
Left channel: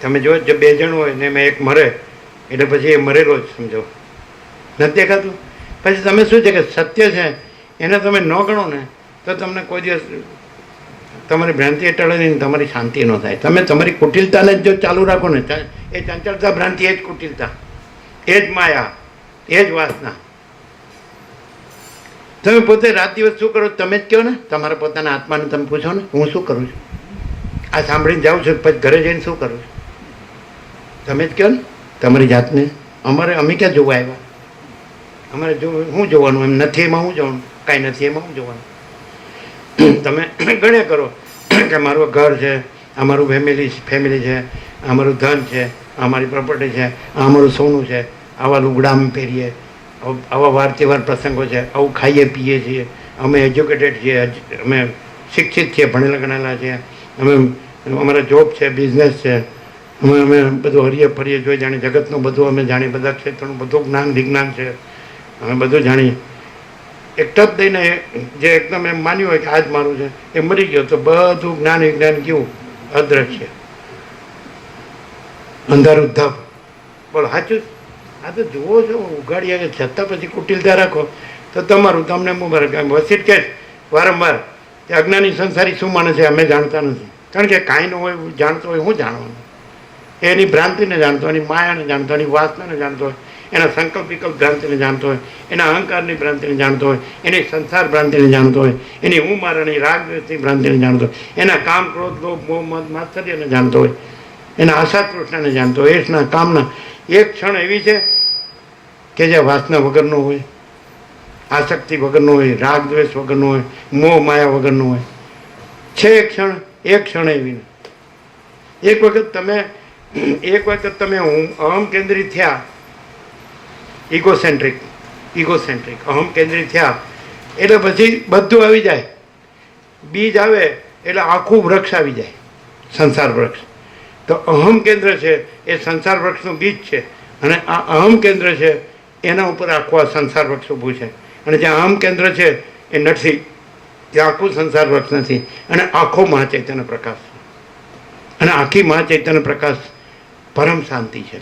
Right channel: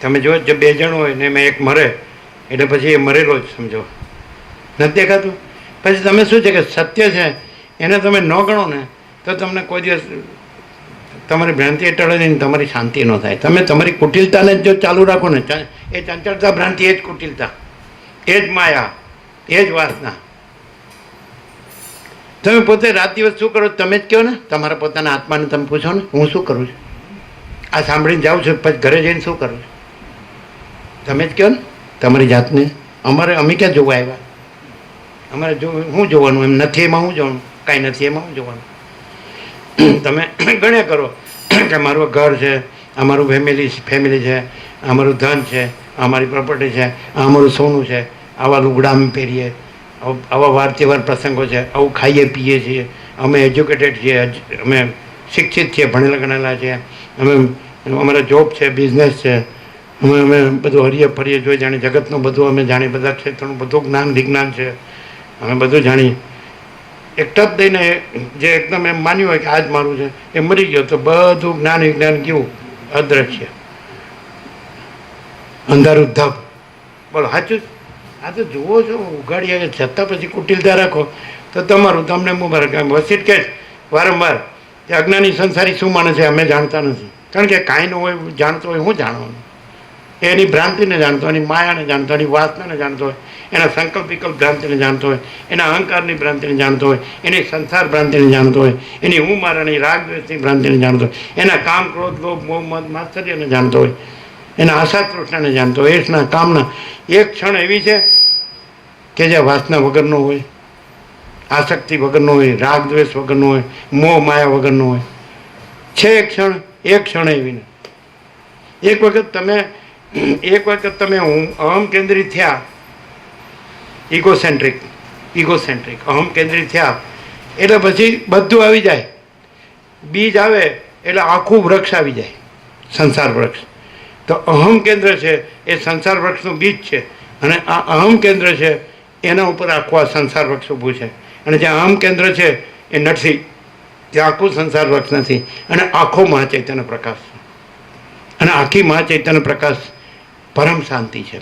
તમે જો જે 2 જણ હોય ને એમાં એક મરે એટલે પછી એ મરેલો જ સમજો. નથી દેખાતું? પછી તમે શું છે કે સત્ય છે એને તમે ન ગણો ને તો તમને કોઈ દિવસ તમારી ભ્રાંતિ ટળે નહીં, તમારી શાંતિ ન થાય. તમે તમારી કુટિલતાને જો ચાલુ રાખો ને, એ ચંચળતા ભ્રાંતિ એ જ કુટિલતા, એ જ માયા, એ જ વાસના. તમે પોતે રાત દિવસ શું કરો તમે જ કહો ને. તમારા પોતાના આત્માને તમે પૂછો ને, હું શું કરું છું? આ સાંભળીને જાઉં છું, પછી ઘરે જઈને શું કરું છું? તમે જ કહો ને તમારી જાતને. અમે ક્યાં જોવા આવ્યા? અમારે શું જોવાનું? એમ નથી એમાં શું જોવાનું? કાંઈ નથી એમાં શું જોવાનું? તમે ગણ્યા કરો કે મારું ઘર છે, અમારું ફેમિલી છે, અમારું ધન છે, અમારી પ્રોપર્ટી છે, અમારું સોનું છે, આવા લુગડા અમે પહેરીએ, આવા વાર તહેવાર પ્રસંગો છે, આવું ખાઈએ પીએ છીએ, અમે એજ્યુકેટેડ છીએ, અમે શિક્ષિત છીએ, ભણેલા ગણેલા છીએ, અમે અમારા જોબ છે, બિઝનેસ છે, અમે બધું હરીએ ફરીએ જોઈ જાણીએ, જગતનું બધું અમે જાણીએ, બધા ક્ષેત્રનું બધું જ્ઞાન વિજ્ઞાન છે, અમે બધું જાણીએ. એક ટપ દઈને જે એકદમ એમ માન્યું હોય કે આ જ મારું છે એ મરી ગયો તો બધું જ્ઞાન વિજ્ઞાન કેવું અદ્રશ્ય, અંધારું ધબ. બોલો સાચું? આ તો જુઓ છો ઉગાડી આવે છતાં પછી કુટિલતા રાખો તો તમારું તમને મુબારક. એમ વસીટ કે વારંવાર કે અજ્ઞાની સંસારી શું માને છે અમે જાણતા નથી, કારણ કે કાંઈ ન હોય જાણતો હોય હું જાણવાનું. એની ભ્રાંતિને જાણતો હોય, એની માયાને જાણતો હોય, એની વાસનાને જાણતો હોય, એના સંકલ્પ વિકલ્પ ભ્રાંતિને જાણતો હોય, એના અહંકારની ભ્રાંતિને જાણતો હોય, એની સંસાર ભ્રાંતિને જાણતો હોય, એની હું મારાની રાગ દ્વેષની ભ્રાંતિને જાણતો હોય, એના કામ ક્રોધ લોભ મોહ મદ માત્સર્યને જાણતો હોય, એના આશા તૃષ્ણાને જાણતો હોય, એના કામના એક ક્ષણ એવી છે કે જે વાસના વગરનો હોય, આસક્તિ વગરનો હોય, રાગ દ્વેષ વગરનો હોય, મોહ માયા વગરનો હોય. છે એક ક્ષણ એવી ને. એક વખત તમે હું અહમ કેન્દ્રિત થયા, ઇગોસેન્ટ્રિક અહમ કેન્દ્રિત થયા એટલે પછી બધું આવી જાય. બીજ આવે એટલે આખું વૃક્ષ આવી જાય, સંસાર વૃક્ષ. તો અહમ કેન્દ્ર છે એ સંસાર વૃક્ષનું બીજ છે, અને આ અહમ કેન્દ્ર છે એના ઉપર આખું આ સંસાર વૃક્ષ ઊભું છે. અને જ્યાં અહમ કેન્દ્ર છે એ નથી, ત્યાં આખું સંસાર વૃક્ષ નથી, અને આખો મહાચૈતન્ય પ્રકાશ છે. અને આખી મહાચૈતન્ય પ્રકાશ પરમ શાંતિ છે,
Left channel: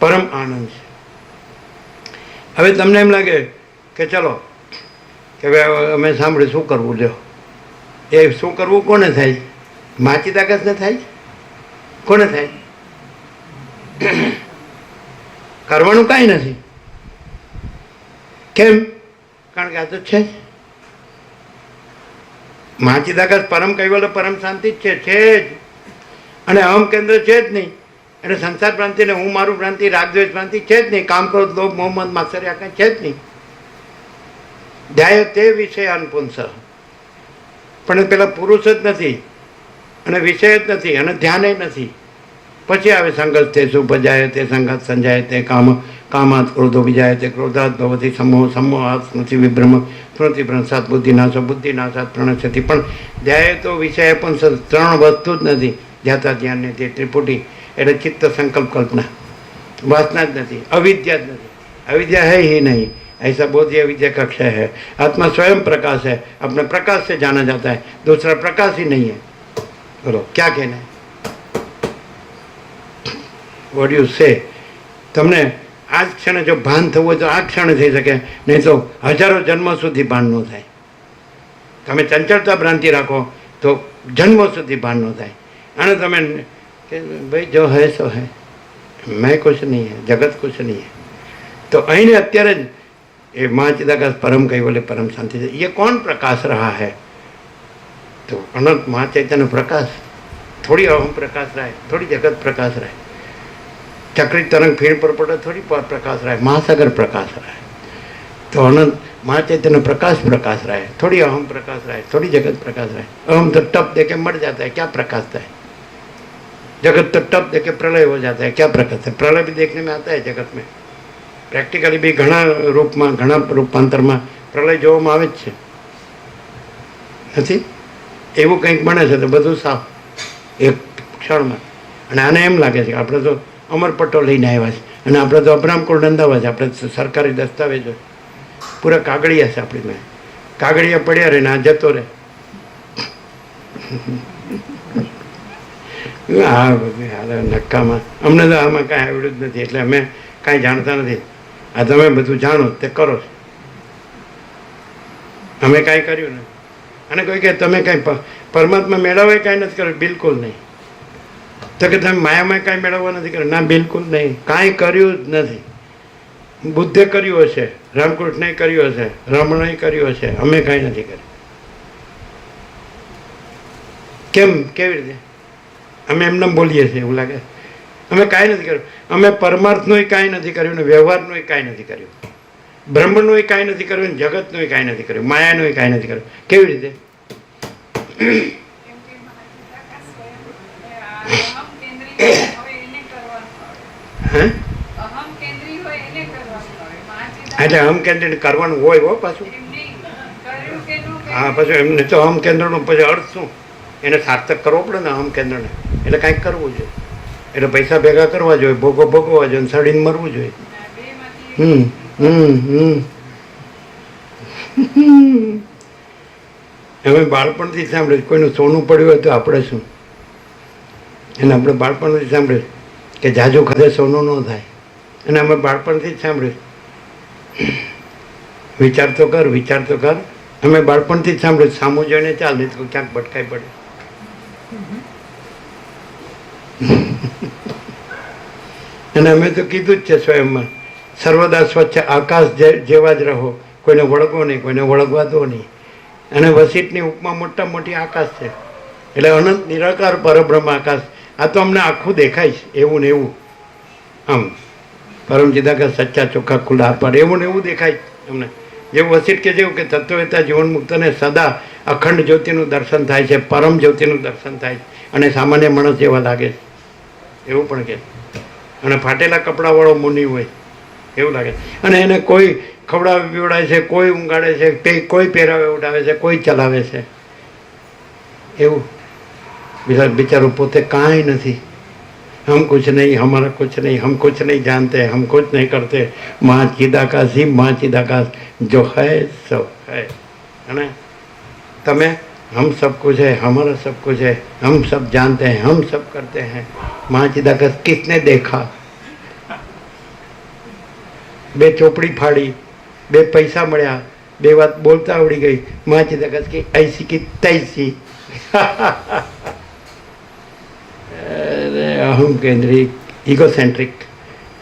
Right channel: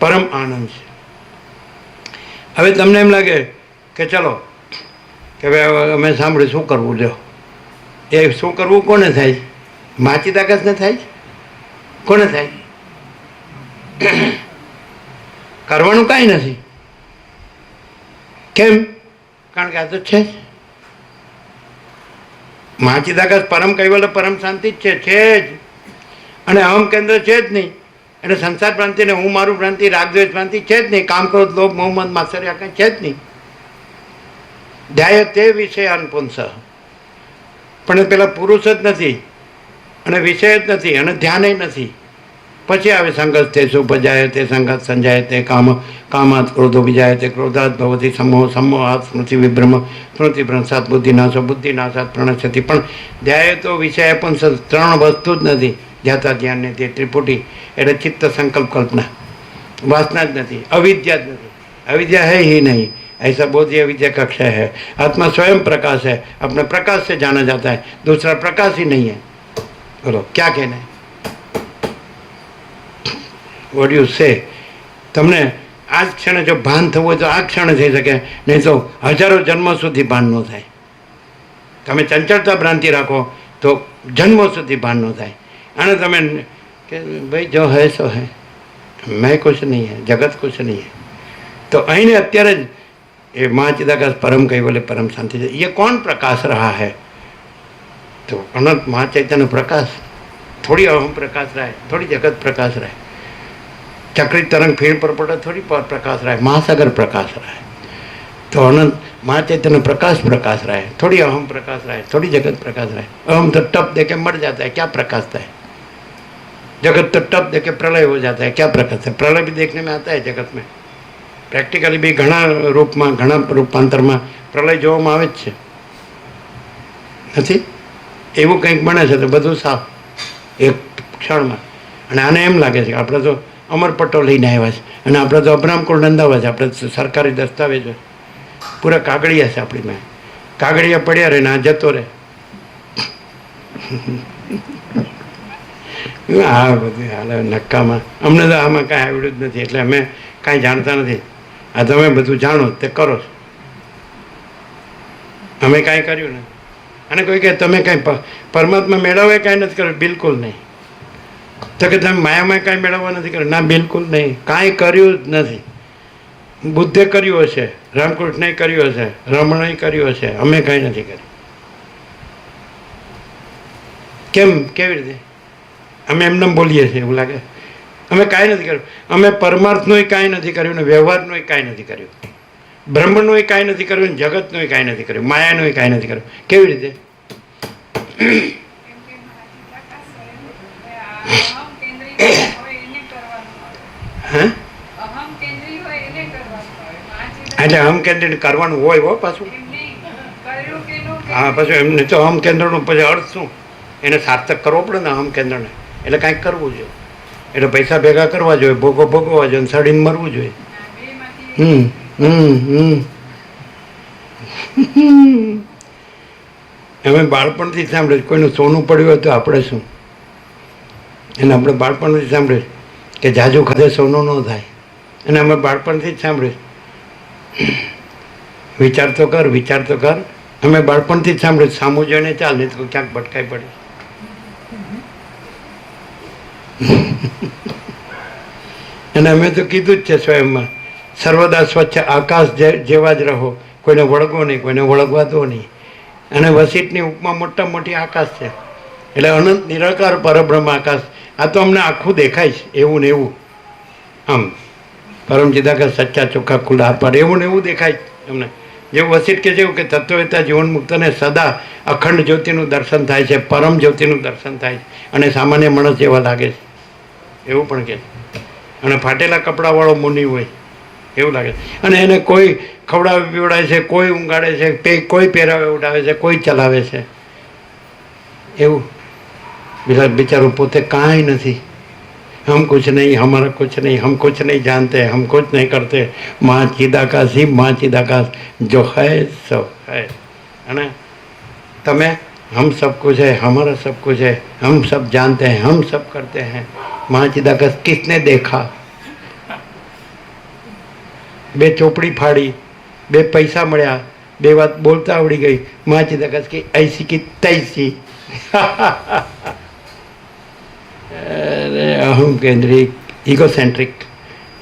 પરમ આનંદ છે. હવે તમને એમ લાગે કે ચલો કે ભાઈ અમે સાંભળ્યું શું કરવું, જો એ શું કરવું કોને થાય? માચિદાકાશને થાય? કોને થાય? કરવાનું કાંઈ નથી. કેમ? કારણ કે આ તો છે જ માચિદાકાશ, પરમ કૈવલ્ય પરમ શાંતિ જ છે જ. અને અહમ કેન્દ્ર છે જ નહીં, એટલે સંસાર ભ્રાંતિ ને હું મારું ભ્રાંતિ, રાગદ્વેષ ભ્રાંતિ છે જ નહીં, કામ ક્રોધ લોભ મોહ મદ માત્સર્ય આ કંઈ છે જ નહીં. ધ્યાય તે વિષયાન પુંસ, પણ એ પેલા પુરુષ જ નથી અને વિષય જ નથી અને ધ્યાન નથી. પછી આવે સંગત તે સુપજાય તે સંગત સંજાય તે કામાત ક્રોધો વિજાય તે ક્રોધાત ભવતી સમોહાત સ્મૃતિ વિભ્રમ સ્મૃતિ ભ્રંશાત બુદ્ધિનાશો બુદ્ધિનાશાત પ્રણશ્યતિ. પણ ધ્યાય તો વિષય પણ ત્રણ વસ્તુ જ નથી. ધ્યાતા ધ્યાનને તે ત્રિપુટી એટલે ચિત્ત સંકલ્પ કલ્પના, वासना જ નથી, अविद्या જ નથી. अविद्या है ही नहीं, ऐसा बोधि अविद्या कक्षा है. आत्मा स्वयं प्रकाश है, अपने प्रकाश से जाना जाता है, दूसरा प्रकाश ही नहीं है. बोलो क्या कहना है? वॉट यू से? તમને આ જ ક્ષણે જો ભાન થવું હોય તો આ ક્ષણે થઈ શકે, નહીં તો હજારો જન્મો સુધી ભાન ન થાય. તમે ચંચળતા ભ્રાંતિ રાખો તો જન્મો સુધી ભાન ન થાય. અને તમે કે ભાઈ જો હૈ સો હૈ, मैं कुछ नहीं है, जगत कुछ नहीं है. तो અહીં અત્યારે જ એ મહાચિદાકાશ परम कैवल्य परम शांति છે. ये कौन प्रकाश रहा है? तो अनंत महाचैतन्य प्रकाश. थोड़ी अहम प्रकाश रहा है, थोड़ी जगत प्रकाश रहा है, चक्रित तरंग फिर पर पड़ा थोड़ी प्रकाश रहा है, महासागर प्रकाश रहा है. तो अनंत महाचैतन्य प्रकाश रहा है, थोड़ी अहम प्रकाश रहा है, थोड़ी जगत प्रकाश रहा है. अहम तो टप दे के मर जाता है, क्या प्रकाशता है? जगत तो टप दे के प्रलय हो जाता है, क्या प्रकाश है? प्रलय भी देखने में आता है जगत में. प्रेक्टिकली भी घना रूप में घना रूपांतर में प्रलय જોવામાં આવે જ છે. નથી એવું કંઈક બને છે તો બધું સાફ એક ક્ષણમાં. અને આને એમ લાગે છે કે આપણે તો અમરપટ્ટો લઈને આવ્યા છે અને આપણે તો અબ્રામકુળ નંદાવા છે, આપણે સરકારી દસ્તાવેજો પૂરા કાગળિયા છે આપણી માં. કાગળિયા પડ્યા રહે ને આ જતો રહે. આ બધું હાલ નક્કામાં અમને તો આમાં કાંઈ આવડ્યું જ નથી, એટલે અમે કાંઈ જાણતા નથી. આ તમે બધું જાણો તે કરો, અમે કાંઈ કર્યું નહીં. અને કોઈ કહે તમે કાંઈ પરમાત્મા મેળવવા કાંઈ નથી કર્યું, બિલકુલ નહીં. તો કે તમે માયામાં કાંઈ મેળવવા નથી કર્યું, ના બિલકુલ નહીં, કાંઈ કર્યું જ નથી. બુદ્ધે કર્યું હશે, રામકૃષ્ણએ કર્યું હશે, રમણે કર્યું હશે, અમે કાંઈ નથી કર્યું. કેમ? કેવી રીતે? અમે એમને બોલીએ છીએ એવું લાગે. અમે કાંઈ નથી કર્યું. અમે પરમાર્થનું કાંઈ નથી કર્યું ને વ્યવહારનું કાંઈ નથી કર્યું, બ્રહ્મનું કાંઈ નથી કર્યું ને જગતનું કાંઈ નથી કર્યું, માયાનું કાંઈ નથી કર્યું. કેવી રીતે? એટલે અહમ કેન્દ્રિત કરવાનું હોય હો પાછું. હા પાછું એમને તો અહમ કેન્દ્રનો પછી અર્થ શું? એને સાર્થક કરવો પડે ને અહમ કેન્દ્રને. એટલે કાંઈક કરવું જોઈએ, એટલે પૈસા ભેગા કરવા જોઈએ, ભોગવો ભોગવવા જોઈએ, સડીને મરવું જોઈએ. અમે બાળપણથી સાંભળ્યું કોઈનું સોનું પડ્યું હોય તો આપણે શું, અને આપણે બાળપણથી સાંભળ્યું કે જાજુ ખાધે સોનું ન થાય, અને અમે બાળપણથી જ સાંભળ્યું વિચાર તો કર, વિચાર તો કર. અમે બાળપણથી જ સાંભળ્યું સામું જોઈને ચાલ, નહીં તો ક્યાંક ભટકાઈ પડે. અને અમે તો કીધું જ છે સ્વયંમાં, સર્વદા સ્વચ્છ આકાશ જેવા જ રહો, કોઈને વળગો નહીં, કોઈને વળગવા દો નહીં. અને વસીટની ઉપમા મોટા મોટી આકાશ છે, એટલે અનંત નિરાકાર પરબ્રહ્મ આકાશ. આ તો અમને આખું દેખાય છે એવું ને એવું, આમ પરમ ચિદાકાશ સચ્ચા ચોખ્ખા ખુલ્લા પર એવું ને એવું દેખાય અમને. જેવું વસીટ કે જેવું કે તત્વવેતા જીવન મુક્તને સદા અખંડ જ્યોતિનું દર્શન થાય છે, પરમ જ્યોતિનું દર્શન થાય છે, અને સામાન્ય માણસ જેવા લાગે છે એવું પણ કે. અને ફાટેલા કપડાવાળો મુનિ હોય એવું લાગે છે, અને એને કોઈ ખવડાવે પીવડાવે છે, કોઈ ઊંઘાડે છે, કોઈ પહેરાવે ઉડાવે છે, કોઈ ચલાવે છે એવું. બિચારું પોતે કાંઈ નથી. हम कुछ नहीं, हमारा कुछ नहीं, हम कुछ नहीं जानते, हम कुछ नहीं करते. माँ चिदाकाश ही माँ चिदाकाश जो है सो है. है तमें हम सब कुछ है, हमारा सब कुछ है, हम सब जानते हैं, हम सब करते हैं. माँ चिदाकाश किसने देखा? બે ચોપડી ફાડી, બે પૈસા મળ્યા, બે વાત બોલતા આવડી ગઈ. માँ चिदाकाश की ऐसी की तैसी. અહમ કેન્દ્રિક, ઇગોસેન્ટ્રિક.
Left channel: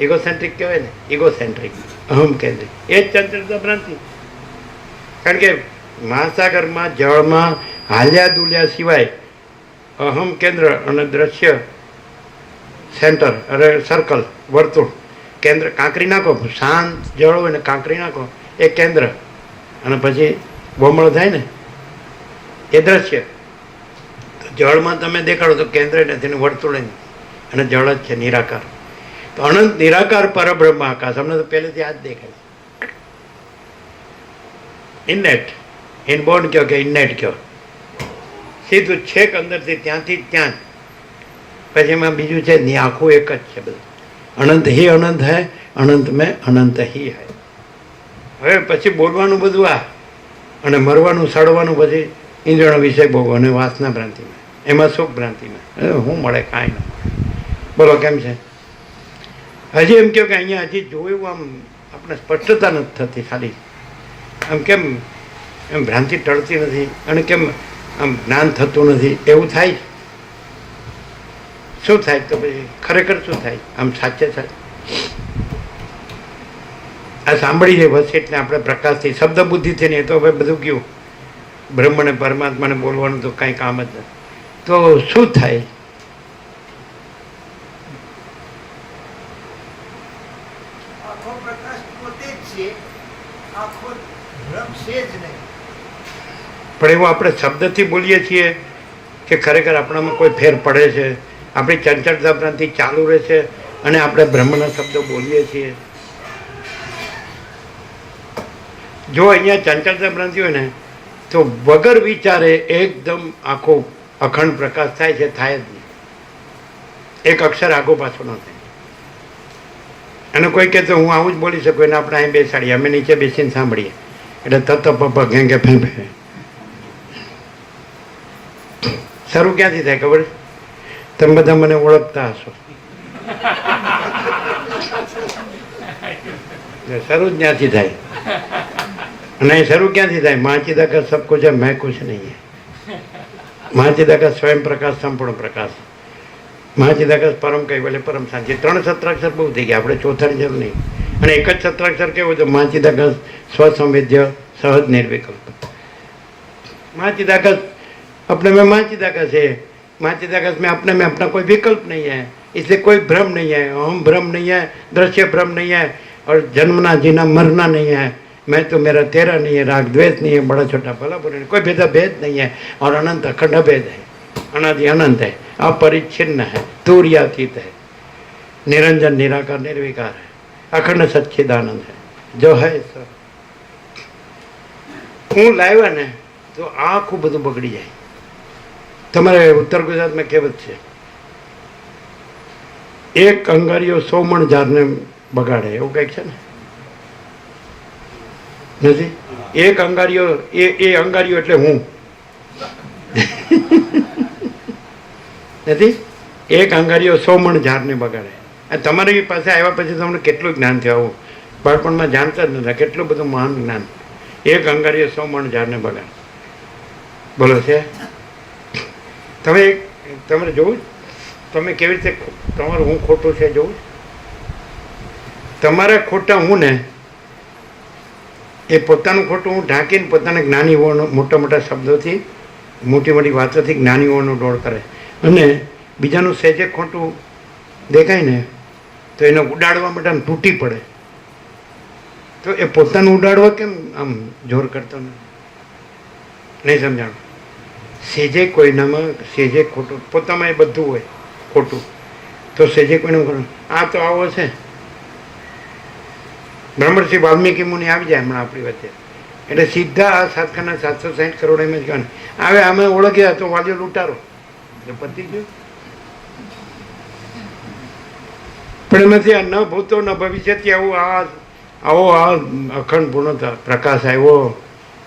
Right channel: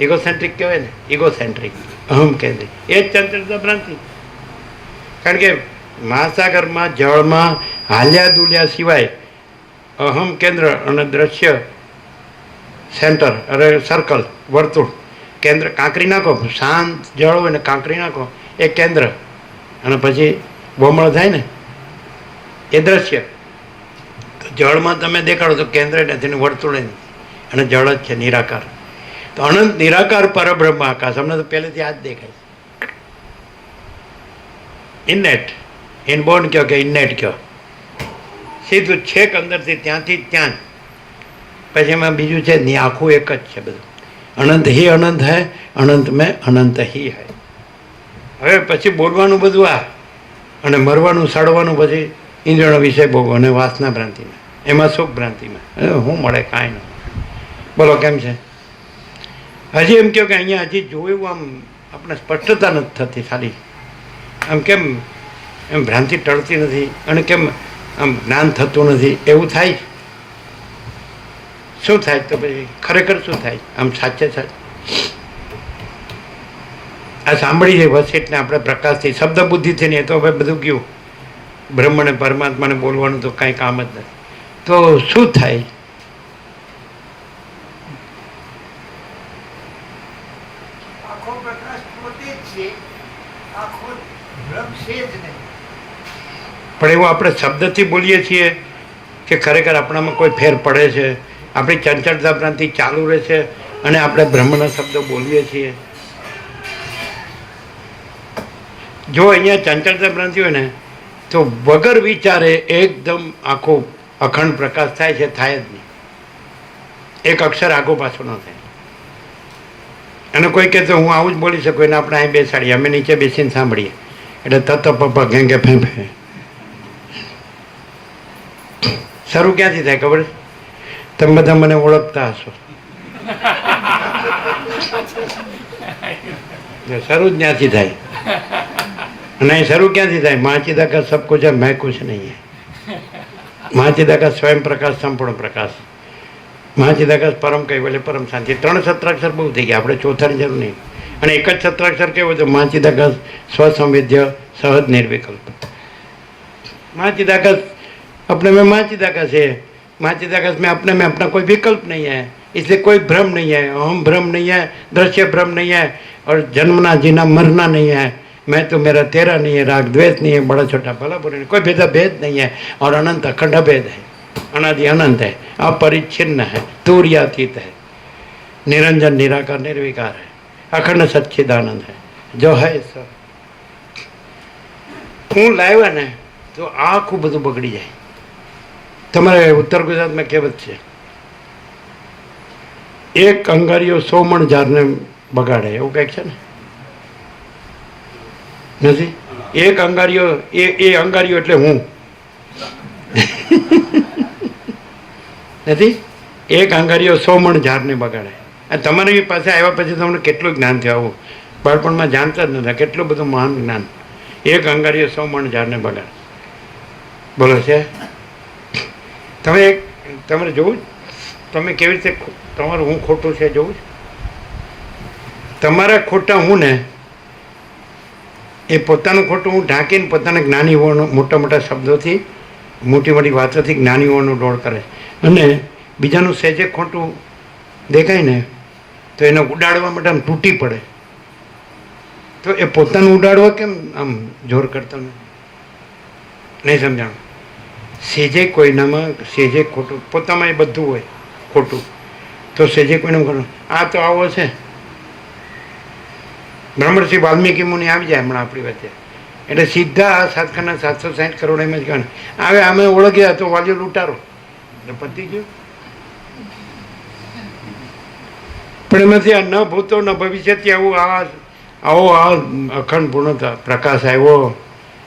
ઇગોસેન્ટ્રિક કહેવાય ને, ઇગોસેન્ટ્રિક, અહમ કેન્દ્રિક. એ જ ચંચળતા ભ્રાંતિ. કારણ કે મહાસાગરમાં જળમાં હાલ્યા દુલ્યા સિવાય અહમ કેન્દ્ર અને દ્રશ્ય સેન્ટર, અરે સર્કલ, વર્તુળ, કેન્દ્ર કાંકરી નાખો, શાંત જળ હોય ને કાંકરી નાખો એ કેન્દ્ર, અને પછી બમણ થાય ને એ દ્રશ્ય. જળમાં તમે દેખાડો તો કેન્દ્ર નથી ને વર્તુળ નથી, અને જળ જ છે નિરાકાર. તો અનંત નિરાકાર પરબ્રહ્મ આકાશ અમને તો પહેલેથી આ જ દેખાય છે. ઇનનેટ, ઇનબોર્ન કહો કે ઇનનેટ કહો, સીધું છેક અંદરથી ત્યાંથી ત્યાં જ. પછી એમાં બીજું છે ને આખું એક જ છે બધું. અનંત હી અનંત હૈ, અનંત મેં અનંત હી હૈ. હવે પછી બોલવાનું બધું આ, અને મરવાનું સડવાનું પછી ઇન્દ્રિયોનો વિષય ભોગવો અને વાસના ભ્રાંતિમાં, એમાં સુખ ભ્રાંતિમાં શું મળે? કાંઈ નહીં. બોલો કેમ છે? હજી એમ કહો કે અહીંયા હજી જોયું આમ આપણે સ્પષ્ટતા નથી થતી, ખાલી આમ કેમ એમ ભ્રાંતિ ટળતી નથી, અને કેમ આમ જ્ઞાન થતું નથી એવું થાય. શું થાય? તો પછી ખરેખર શું થાય? આમ સાચે સાચે આ સાંભળી છે વસીટને આપણે પ્રકાશથી, શબ્દ બુદ્ધિથી નહીં, તો હવે બધું ગયું. બ્રહ્મને પરમાત્માને બોલવાનું તો કાંઈ કામ જ નથી. તો શું થાય? આખો પ્રકાશ પોતે જ છે, આખો ભ્રમ છે જ નહીં. પણ એવું આપણે શબ્દથી બોલીએ છીએ કે ખરેખર આપણામાં કોઈ ફેર પડે છે? આપણી ચંચળતા ભ્રાંતિ ચાલુ રહે છે અને આપણે બ્રહ્મના શબ્દો બોલીએ છીએ. જો અહીંયા ચંચળતા ભ્રાંતિ હોય ને તો વગર વિચારે એકદમ આખો અખંડ પ્રકાશ થાય છે, થાય જ નહીં. એક અક્ષર આગો પાછો ન થાય. અને કોઈ કહે તો હું આવું જ બોલી શકું, એને આપણે અહીં બેસાડીએ, અમે નીચે બેસીને સાંભળીએ, એટલે તત પપ્પા ઘેંગે ફેંફે. શરૂ ક્યાંથી થાય ખબર? તમે બધા મને ઓળખતા હશો. શરૂ જ ત્યાંથી થાય. અને શરૂ ક્યાંથી થાય? મહાચિદાકાશ સબ કુછ है, मैं कुछ नहीं है. મહાચિદાકાશ સ્વયં પ્રકાશ, સંપૂર્ણ પ્રકાશ. મહાચિદાકાશ પરમ કૈવલ્ય, પરમ શાંતિ. 3 સત્રાક્ષર બહુ થઈ ગયા, આપણે ચોથાની જરૂર નહીં. અને એક જ સત્રાક્ષર કેવું છે? મહાચિદાકાશ સ્વસંવેદ્ય સહજ निर्विकल्प. મહાચિદાકાશ अपने में महाचिदाकाश है. महाचिदाकाश में अपने में अपना कोई विकल्प नहीं है, इसलिए कोई भ्रम नहीं है. हम भ्रम नहीं है, दृश्य भ्रम नहीं है, और जन्मना जीना मरना नहीं है. मैं तो मेरा तेरा नहीं है, राग द्वेष नहीं है, बड़ा छोटा भला बुरा नहीं, कोई भेदा भेद नहीं है. और अनंत अखंड भेद है, अनादि अनंत है, अपरिच्छिन्न है, तूर्यातीत है, निरंजन निराकार निर्विकार है, अखंड सच्चिदानंद है, जो है सब. હું લાવ્યા ને તો આખું બધું બગડી જાય. તમારે ઉત્તર ગુજરાતમાં કહેવત છે, એક અંગારીઓ 100 મણ ઝાડને બગાડે, એવું કંઈક છે ને? નથી? એક અંગારીઓ એ અંગારીઓ એટલે હું નથી. એક અંગારીઓ 100 મણ ઝાડને બગાડે. આ તમારી પાસે આવ્યા પછી તમને કેટલું જ્ઞાન થયું? આવું બાળપણમાં જાણતા જ નથી. કેટલું બધું મહાન જ્ઞાન. એક અંગારીઓ 100 મણ ઝાડને બગાડે. બોલો છે તમારે જોવું તમે કેવી રીતે તમારું હું ખોટું છે જોવું. તમારા ખોટા હું ને એ પોતાનું ખોટું હું ઢાંકીને પોતાના જ્ઞાની હોવાનો મોટા મોટા શબ્દોથી મોટી મોટી વાતોથી જ્ઞાની હોવાનો ડોળ કરે અને બીજાનું સહેજે ખોટું દેખાય ને તો એને ઉડાડવા માટે આમ તૂટી પડે. તો એ પોતાનું ઉડાડવા કેમ આમ જોર કરતા નહીં સમજાણું. સેજે કોઈનામાં સેજે ખોટું પોતામાં એ બધું હોય ખોટું તો સેજે કોઈને ખોટું. આ તો આવો છે. બ્રહ્મર્ષિ વાલ્મીકી મુનિ આવી જાય હમણાં આપણી વચ્ચે એટલે સીધા આ સાતખાના 760 કરોડ એમ જ ગણ હવે અમે ઓળખ્યા તો વાલીઓ લૂંટારો એટલે પતી ગયું. પણ એમાંથી આ ન ભૂતો ન ભવિષ્યથી આવો આ અખંડ પૂર્ણ પ્રકાશ આવ્યો.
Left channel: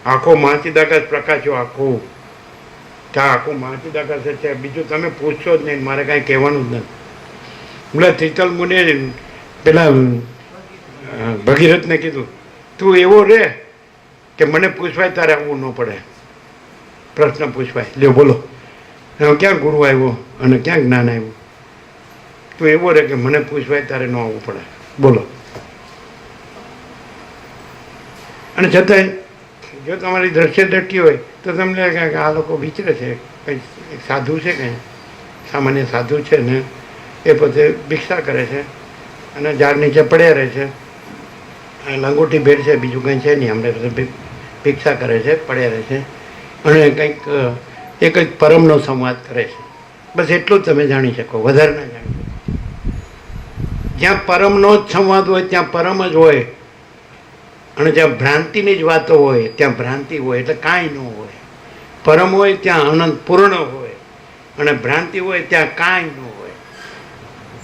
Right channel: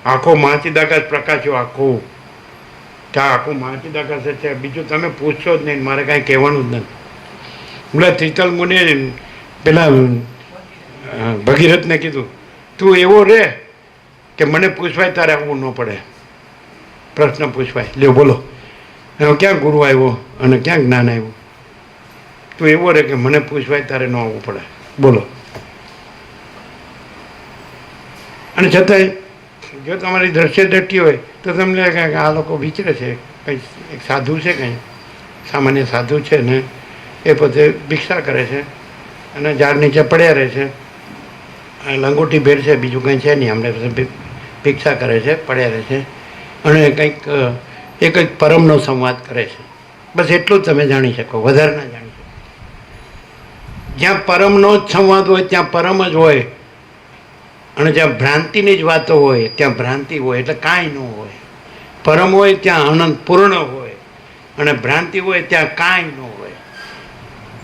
આખો મહાચિદાકાશ પ્રકાશ્યો આખો ત્યાં આખું મહાચિદાકાશ છે. બીજું તમે પૂછશો જ નહીં. મારે કાંઈ કહેવાનું જ નથી. બોલે તીતલ મુનિ પેલા ભગીરથને કીધું તું એવો રે કે મને પૂછવાય તારે આવવું ન પડે. પ્રશ્ન પૂછવાય લ્યો બોલો ક્યાં ગુરુ આવ્યો અને ક્યાં જ્ઞાન આવ્યું. તું એવો રે કે મને પૂછવાય તારે ન આવવું પડે. બોલો. અને છતાંય જો તમારી દ્રશ્ય દ્રષ્ટિ હોય તો તમને લાગે કે આ લોકો વિચરે છે. કંઈ એક સાધુ છે, કંઈ સામાન્ય સાધુ છે ને એ પોતે ભિક્ષા કરે છે અને ઝાડ નીચે પડ્યા રહે છે. લંગોટી ભેર છે, બીજું કંઈ છે નહીં. અમને ભિક્ષા કરે છે, પડ્યા રહે છે અને કંઈક એ કંઈક પરમનો સંવાદ કરે છે. બસ એટલું જ તમે જાણી શકો, વધારે ના જાણી શકો. જ્યાં પરમનો જ સંવાદ હોય ત્યાં પરમ જ હોય અને જ્યાં ભ્રાંતિની જ વાતો હોય ત્યાં ભ્રાંતિ હોય. એટલે કાંઈ ન હોય. પરમ હોય ત્યાં અનંત પૂર્ણ હોય અને ભ્રાંતિ હોય ત્યાં કાંઈ ન હોય.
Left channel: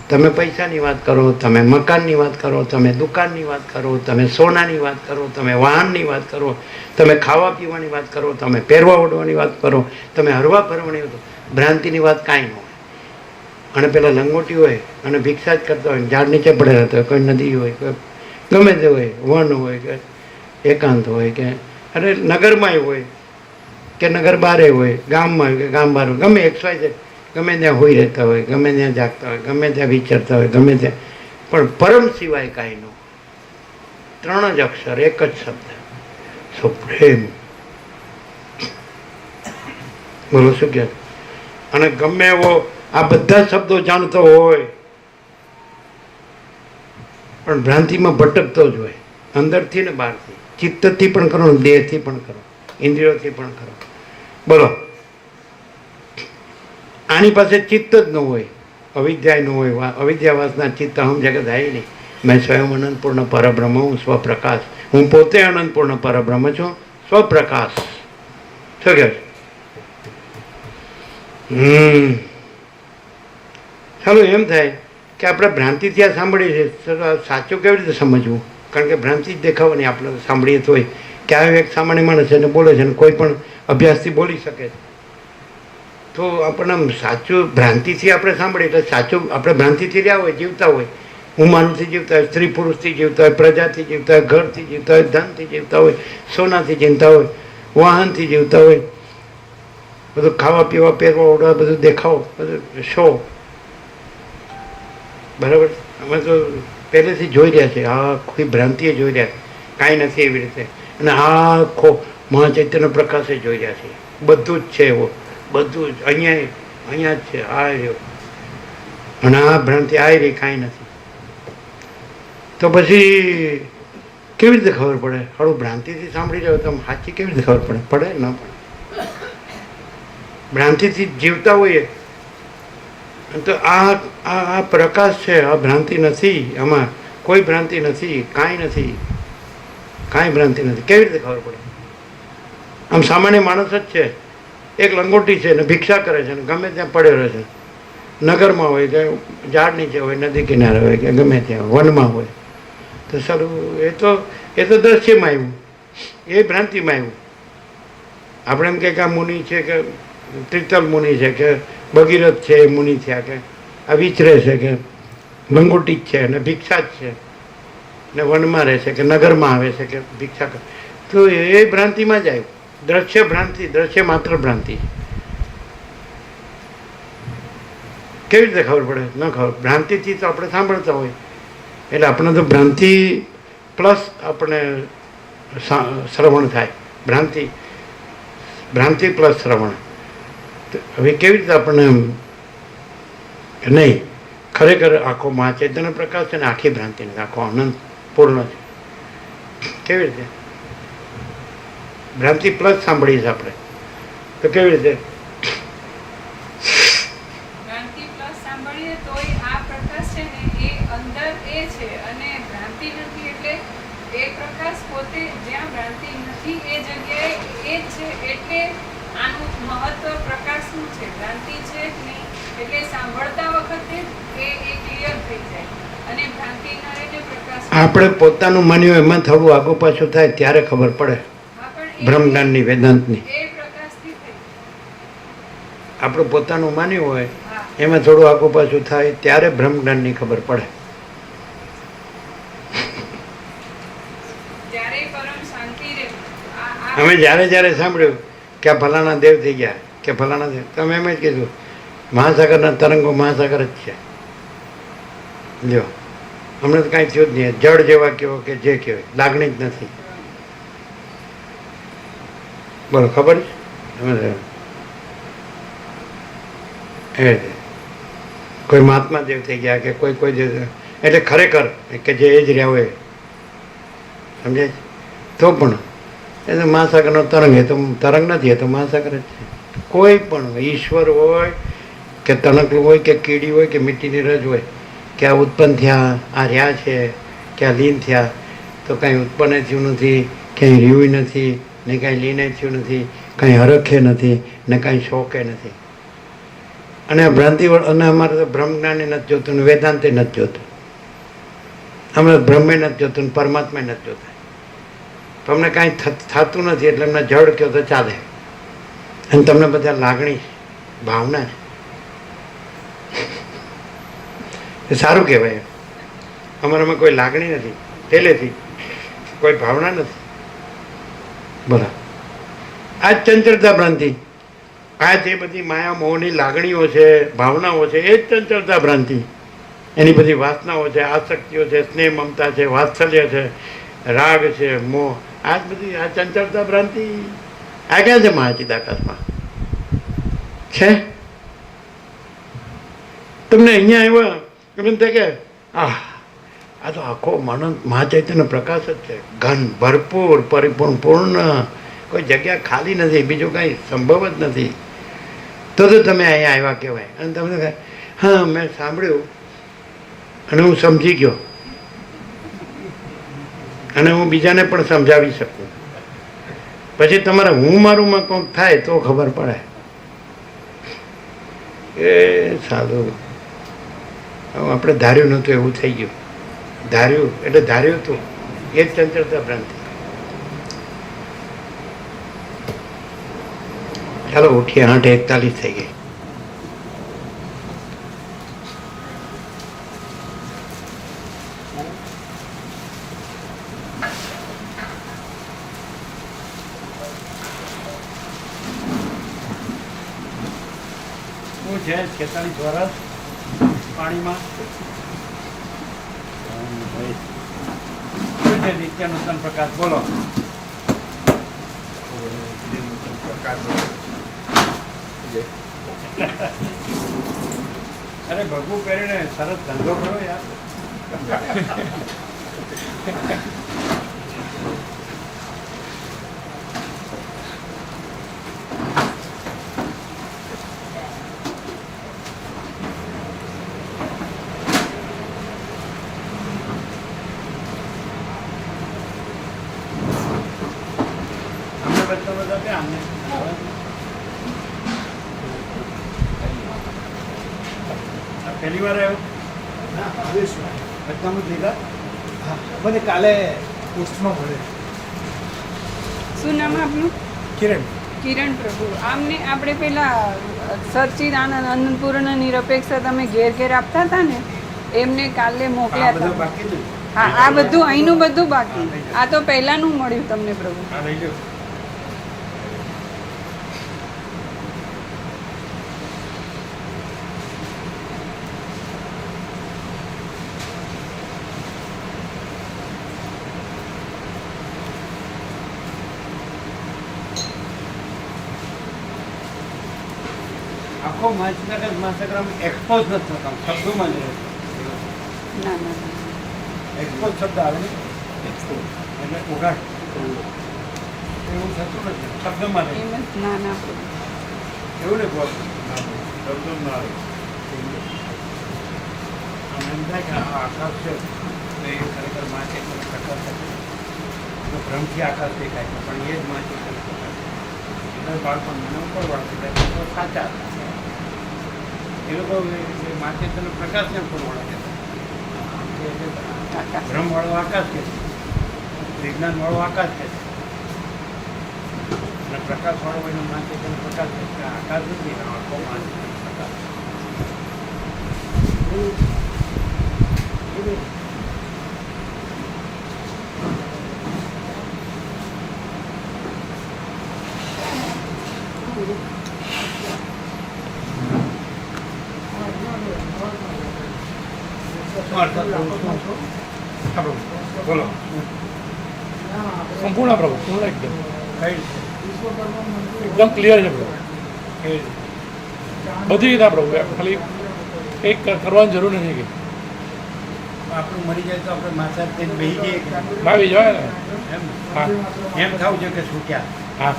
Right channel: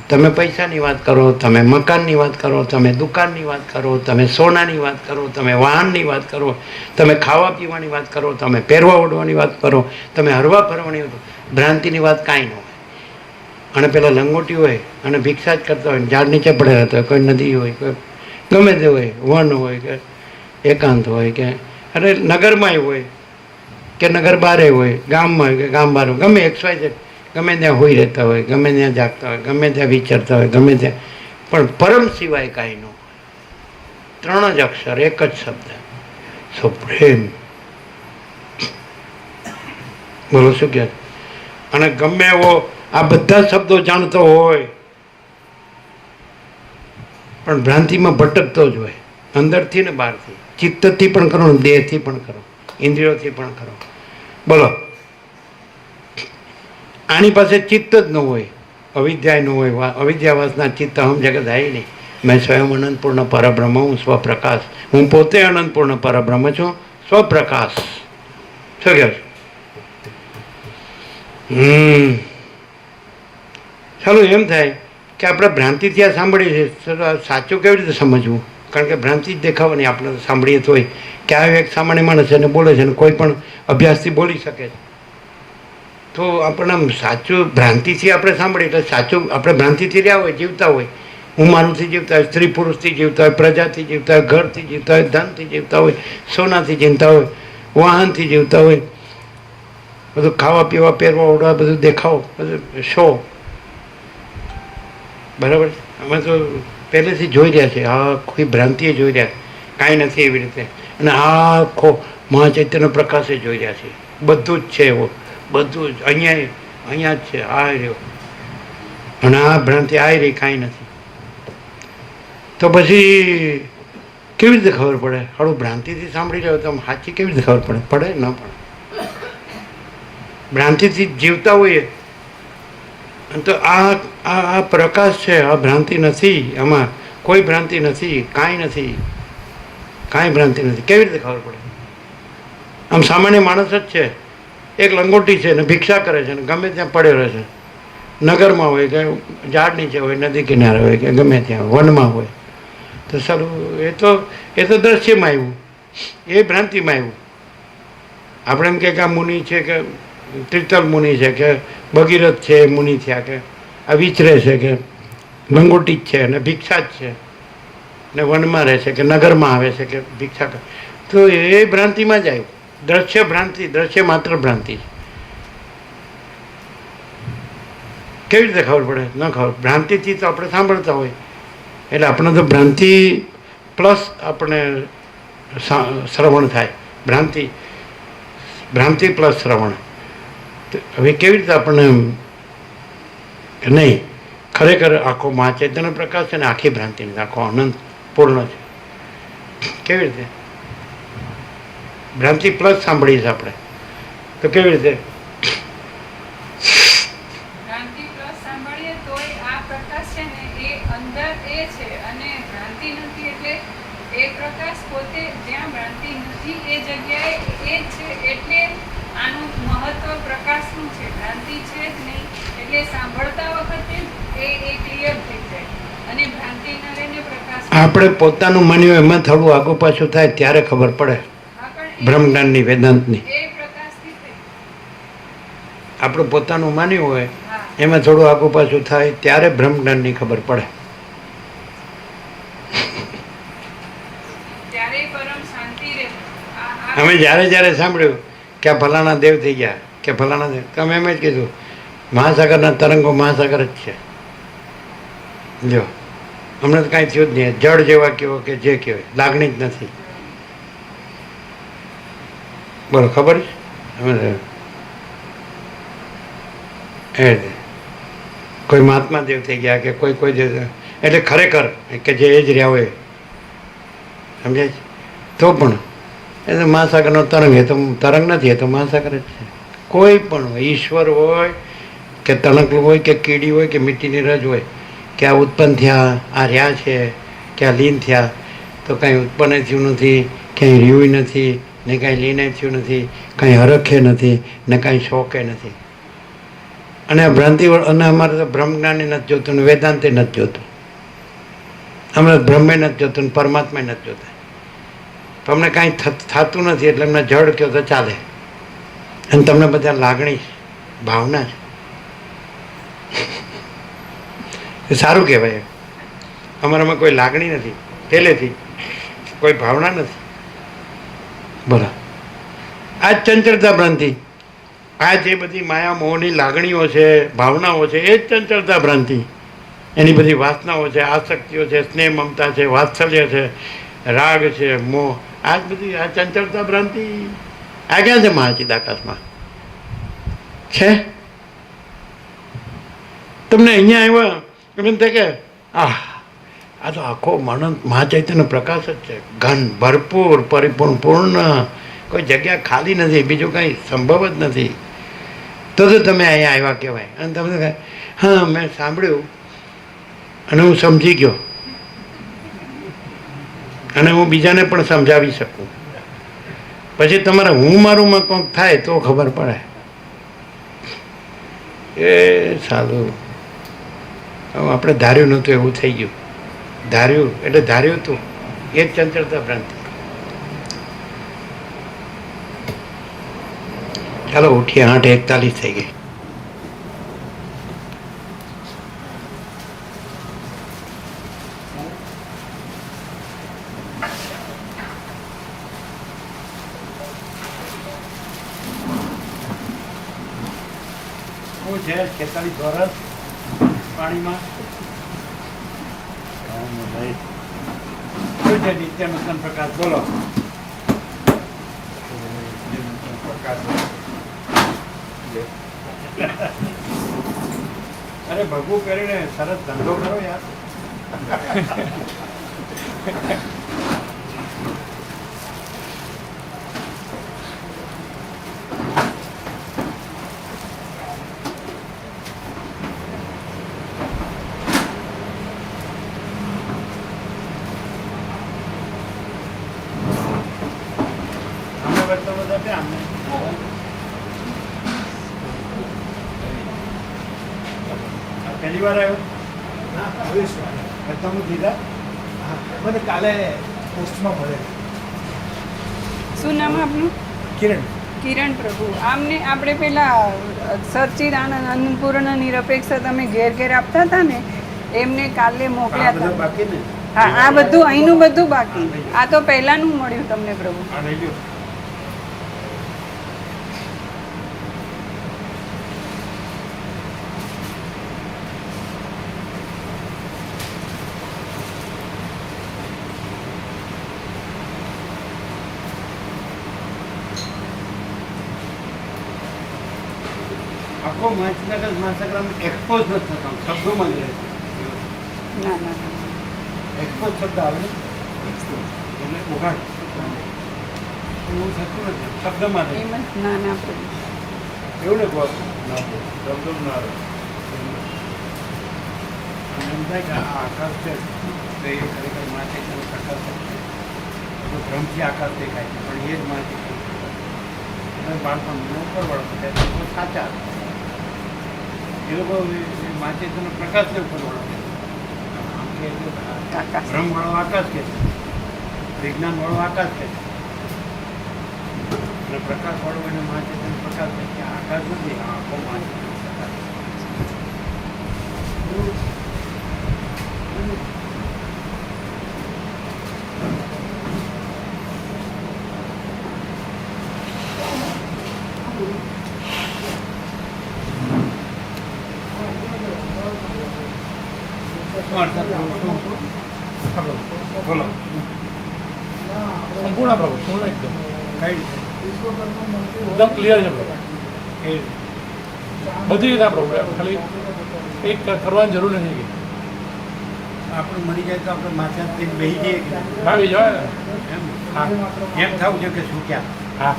તમે પૈસાની વાત કરો, તમે મકાનની વાત કરો, તમે દુકાનની વાત કરો, તમે સોનાની વાત કરો, તમે વાહનની વાત કરો, તમે ખાવા પીવાની વાત કરો, તમે પહેરવા ઓઢવાની વાત કરો, તમે હરવા ફરવાની વાત, ભ્રાંતિની વાત કાંઈ ન હોય. અને પેલા લંગોટી હોય અને ભિક્ષા જ કરતા હોય, ઝાડ નીચે પડેલા હોય, કોઈ નદી હોય, કોઈ ગમે તે હોય, વન હોય કે એકાંત હોય કે અરે નગરમાંય હોય કે નગર બારે હોય, ગામમાં હોય કે ગામ બહાર હોય, ગમે XYZ ગમે ત્યાં હોઈ રહેતા હોય, ગમે ત્યાં જાગતા હોય, ગમે ત્યાં વિચારતા હોય, ગમે ત્યાં. પણ પરમ સિવાય કાંઈ ન. 3 જ અક્ષર, એક જ શબ્દ, સુપ્રેમ. બોલો શું કહે. અને ગમે એવો આ બધા શબ્દો જાણતો હોય પણ ભ્રાંતિમાં ભટકતો જ હોય, અંદરથી ને બહારથી, ચિત્તથી પણ કરો, દેહથી પણ કરો, ઇન્દ્રિયોથી પણ કરો. બોલો. આની પાસે ચિત્ત જ ન હોય, અવિદ્યા ન હોય. અવિદ્યાવાસના ચિત્ત હમ જગત આય નહીં. મેં સ્વયં અનંતપૂર્ણ પરબ્રહ્મ હું, સ્વપ્રકાશ. હું પોતે અનંતપૂર્ણ પરબ્રહ્મ છું, સ્વપ્રકાશ. શું કહે. સારું એમ થાય કે આપણે ભ્રાંતિથી આ સાંભળીએ છીએ, સાચું કેવી રીતે સમજવું? કારણ કે ભ્રાંતિ જ દેખાવાની. આપણે સાંભળીએ તો હોય કે આ એક સામાન્ય માણસ છે અને બોલે છે અને કોઈ પણ અભ્યાસથી બોલી શકે છે. તો આપણે આમ સાચું ભ્રાંતિથી આપણે સાંભળીએ એટલે સાચું આપણે ભ્રાંતિથી રહ્યા હોય, જીવતા હોય. હું માનવથી જીવતા હોય, સ્ત્રી પુરુષથી જીવતા હોય, પ્રજાથી જીવતા હોય, ઘરથી જીવતા હોય, ધનથી જીવતા હોય, સોનાથી જીવતા હોય, વાહનથી જીવતા હોય, બધું ખાવા પીવા પહેરવા ઓઢવા બધું દેખાવ બધું શો. બરાબર. અમે તો પહેલેથી જોઈ રહ્યા છીએ. આખી ભ્રાંતિએ જોઈ રહ્યા, કાંઈ નથી એવી રીતે. અને આખો મહાચૈતન્ય પ્રકાશે જોઈ રહ્યા છીએ. બધું જ છે એવો, બધું જ અહીંયા જ છે. આ રહ્યો અને આ ભ્રાંતિ આ રહી, કાંઈ નથી. તો પછી કેવી રીતે ખબર પડે? થોડું ભ્રાંતિથી સાંભળી રહ્યો તો સાચી કેવી રીતે ખબર પડે? પડે ન પડે. ભ્રાંતિથી જીવતા હોઈએ તો આ પ્રકાશ છે, આ ભ્રાંતિ નથી. આમાં કોઈ ભ્રાંતિ નથી, કાંઈ નથી, કાંઈ ભ્રાંતિ નથી. કેવી રીતે ખબર પડે? આમ સામાન્ય માણસ જ છે, એક લંગોટી છે ને ભિક્ષા કરે છે ને ગમે ત્યાં પડ્યો રહે છે. નગરમાં હોય કે ઝાડ નીચે હોય, નદી કિનારે હોય કે ગમે ત્યાં વનમાં હોય. તો સારું એ તો દ્રશ્યમાં આવ્યું. એ ભ્રાંતિમાં આવ્યું. આપણે એમ કે આ મુનિ છે કે તીર્થલ મુનિ છે કે ભગીરથ છે એ મુનિ થયા કે આ વિચરે છે કે લંગોટી જ છે અને ભિક્ષા જ છે ને વનમાં રહે છે કે નગરમાં આવે છે કે ભિક્ષા કરે, તો એ ભ્રાંતિમાં જ આવ્યું. દ્રશ્ય ભ્રાંતિ, દ્રશ્ય માત્ર ભ્રાંતિ. કેવી રીતે ખબર પડે? ન ખબર. ભ્રાંતિથી તો આપણે સાંભળતા હોય એટલે આપણે તો ભ્રાંતિ પ્લસ આપણે શ્રવણ થાય. ભ્રાંતિ પ્લસ શ્રવણ. હવે કેવી રીતે આપણને નહીં ખરેખર આખો મહાચૈતન્ય પ્રકાશ છે ને આખી ભ્રાંતિ નથી, આખો અનંત પૂર્ણ છે. કેવી રીતે? ભ્રાંતિ પ્લસ સાંભળીએ છીએ આપણે તો કેવી રીતે? ભ્રાંતિ પ્લસ સાંભળીએ તોય આ પ્રકાશ છે ને એ અંદર એ છે અને ભ્રાંતિ નથી એટલે એ પ્રકાશ પોતે જ્યાં ભ્રાંતિ નથી એ જગ્યાએ એ જ છે. એટલે આનું મહત્વ પ્રકાશનું છે, ભ્રાંતિ છે જ નહીં. એટલે સાંભળતા વખતે એ ક્લિયર થઈ જાય અને ભ્રાંતિ ન રહીને પ્રકાશ. આપણે પોતાનું માન્યું એમાં થોડું આગુ પાછું થાય ત્યારે ખબર પડે બ્રહ્મજ્ઞાનની, વેદાંતની. એ પ્રકાશથી થઈ. આપણું પોતાનું માન્યું હોય હા. એમાં થોડું આગુ પાછું થાય ત્યારે બ્રહ્મજ્ઞાનની ખબર પડે. ત્યારે પરમ શાંતિ રહે. અમે જ્યારે સાંભળ્યું કે આ ફલાણા દેવ થઈ ગયા કે ફલાણા દેવ, તમે એમ જ કીધું મહાસાગરના તરંગો મહાસાગર જ છે. જો અમને તો કાંઈ થયું જ નહીં. જળ જેવા કહેવો કે જે કહેવાય, લાગણી જ નથી. બોલો, ખબર છે? એ કોઈ મહાત્મા દેવ થઈ ગયા કે કોઈ દેવ, એટલે ખરેખર કે જે એ જ રહ્યા હોય, સમજાય છે? તો પણ એ તો મહાસાગરનો તરંગ, એ તો તરંગ નથી, એ તો મહાસાગર જ છે. કોઈ પણ ઈશ્વર હોય કે તણકલું હોય કે કીડી હોય કે મીઠીની રજ હોય કે આ ઉત્પન્ન થયા, આ રહ્યા છે કે આ લીન થયા, તો કાંઈ ઉત્પન્ન થયું નથી, ક્યાંય રહ્યું નથી ને કાંઈ લીને થયું નથી, કાંઈ હરખે નથી ને કાંઈ શોકે નથી. અને આ ભ્રાંતિ અને અમારે તો બ્રહ્મજ્ઞાને નથી જોતું ને વેદાંતે નથી જોતું. અમને બ્રહ્મે નથી જોતું ને પરમાત્મા નથી જોતા. તો અમને કાંઈ થતું નથી એટલે અમને જડ કહો તો ચાલે. અને તમને બધા લાગણી છે, ભાવના છે. એ સારું કહેવાય. અમારામાં કોઈ લાગણી નથી પહેલેથી, કોઈ ભાવના નથી. બોલો, આ જ ચંચળતા ભ્રાંતિ. આ જે બધી માયા મોહની લાગણીઓ છે, ભાવનાઓ છે, એ જ ચંચળતા ભ્રાંતિ. એની બધી વાસનાઓ છે, આસક્તિઓ છે, સ્નેહ મમતા છે, વાત્સલ્ય છે, રાગ છે, મોહ, આ જ બધી આ ચંચળતા ભ્રાંતિ. આ ક્યાં છે મહાચિદાકાશમાં છે? તમને અહીંયા આવ્યા એમ થાય કે આ તો આખો મહાચૈતન્ય પ્રકાશ જ છે, ઘન, ભરપૂર, પરિપૂર્ણ, પૂર્ણ. કોઈ જગ્યા ખાલી નથી, બીજું કાંઈ સંભવ જ નથી. તો તમે અહીંયા આવ્યા કહેવાય. અને તમે હા મેં સાંભળ્યું અને હું સમજી ગયો અને હું બીજાને પણ સમજાવી શકું. પછી તમારે હું મારું માં કંઈક થાય તો ખબર પડે. એ સારું, આપણે ધાર્યું નહોતું એવું થઈ ગયું. ધાર્યું એટલે ધાર્યું હતું એ જ ચંચળતા ભ્રાંતિ. ચાલો ઉઠીએ, 8:41 થઈ ગઈ. શું છે 46 વર્ષ પાણીમાં શું છે નિત્ય નૂતન પ્રકાશ? બોલો. અરે ભગવું પહેરીને સરસ ધંધો કરો યાર. અમને બધા ક્યાં અમને પહેલી વાર આવ્યો? બધાનું લીધા? મને કાલે પોસ્ટમાં મળે. શું નામ આપનું? કિરણ કિરણ પ્રભુ. આમને આપણે પેલા સચ્ચિદાનંદ અન્નપૂર્ણ નિરપેક્ષ તમે ઘેર ઘેર આપતા હતા ને, એમને કાલે આ મોકલ્યા બધા હતા. બાકી ને હા, આ બધું અહીંનું બધું બાકી. આ તો પહેલાનું મળ્યું તમને પ્રભુ. આ લઈ લો. આખો માસગ્રામ એક્સપોઝ નથી થતો, શબ્દોમાં જ રહે છે. ના ના ના. એક્સપોઝ શબ્દ આવે ને, એક્સપોઝ એટલે ઉઘાડ, એવું થતું નથી, શબ્દમાં રહે. એમ જ ના ના પ્રભુ. એવું ને કહો શબ્દ જ ના આવે. આમ એમ થાય કે આ આકાશ છે તો એ ખરેખર માથે પ્રકાશ છે, તો ભ્રમથી આકાશ દેખાય છે, પણ એ જ માથે પ્રકાશ. એટલે બાળપણ મને ઉપર વળતું થાય, એ લોકો સાચા હતા. એ લોકો માથે તેનો પ્રકાશને ઉપર વળે છે. આમ કે આકાશ. ભ્રમવાળો આકાશ કે છે, વિજ્ઞાનવાળો આકાશ કે છે, અને પ્રકાશવાળો એને માથે તેનો પ્રકાશ છે કે આકાશ નથી, આખો માથે તેનો પ્રકાશ છે. શું અર્થ થયો? બોલો સંપૂર્ણ પ્રભુ, પૂર્ણ એકદમ કઈ એકદમ ક્લિયર છે પ્રભુ, કઈ બધી રીતે પ્રભુ. ખાલી એક કરવાની જરૂર નથી કે આપણે મરી જાય તો આપણે માથા થઈને બેસી જઈએ કે ભાવી જવાય ને. એમ ને? હા એમ થવું છે કે શું ક્યાં હા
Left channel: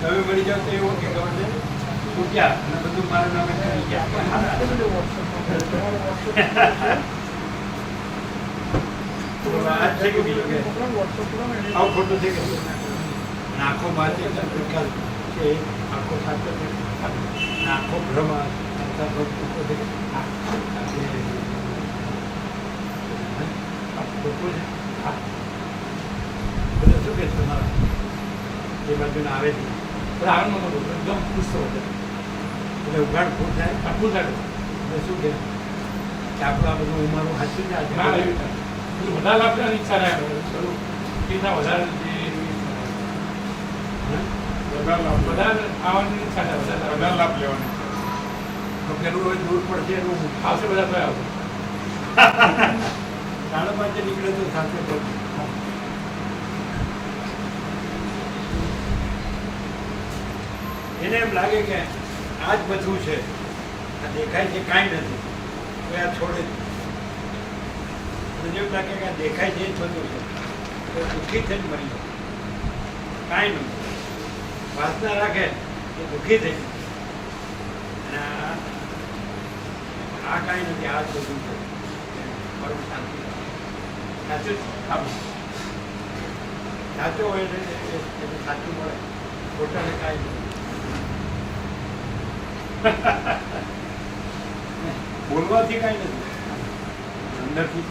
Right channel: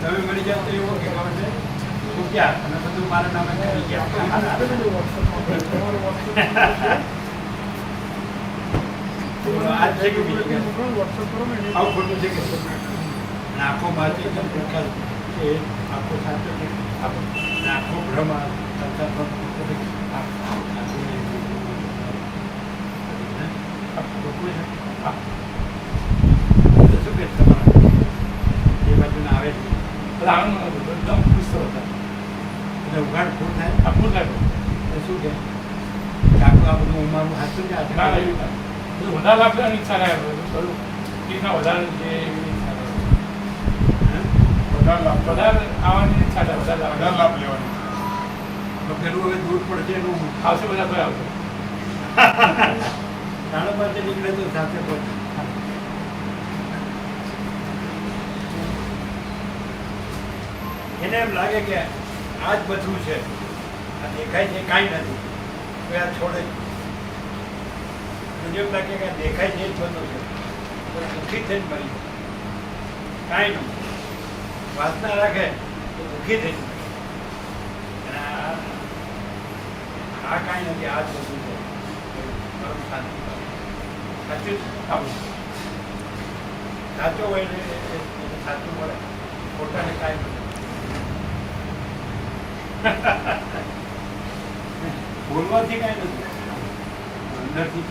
તમે મરી જાઓ તો એવું કે ખબર છે શું ક્યાં અને બધું મારા નામે કરી ગયા. તો આજ છે કે બીજું કે આવું ખોટું છે કે અને આખો માથે પ્રકાશ છે, આખો સાચો છે, અને આખો ભ્રમ સાચા ભ્રમ છે. શું કે તમારા એ બાજુને આવે છે એટલે આનંદ નતો, એકદમ ખુશ થયો હતો. એટલે ઉઘાડ ફૂટ થાય આખું થાય તો શું કે આખું આ બધું મારું સાચું છે આજે ના લેવી પડે. બધું વધારે લાભ લેવાની ઈચ્છા થાય બધું કેટલા વધારે છે એવી ઈચ્છા થાય. વધારે આવવાની ઈચ્છા થાય, વધારે લાભ લેવાની. તો પેલું હવે દૂર પડશે એનું આવશે બધા તો આવશે. સાડા પાંચે નીકળે તો સાથે પહોંચે. એને એમ લાગે કે આ જ બધું છે, આ દેખાય છે કાંઈ નથી, તો આ છોડે જ. અને જેમ લાગે કે આ દેખાય છે એ જ બધું છે, તો દુઃખી થઈને મરી જાય. કાંઈ નથી, વાસના રાખે તો દુઃખી થઈ જાય. અને આ કાંઈ નથી, આ જ બધું છે, મારું શાંતિ સાચું સાચો હોય ને એને સાચું મળે, ખોટાને કાંઈ નથી. બોલવાથી કાંઈ નથી, અંદરથી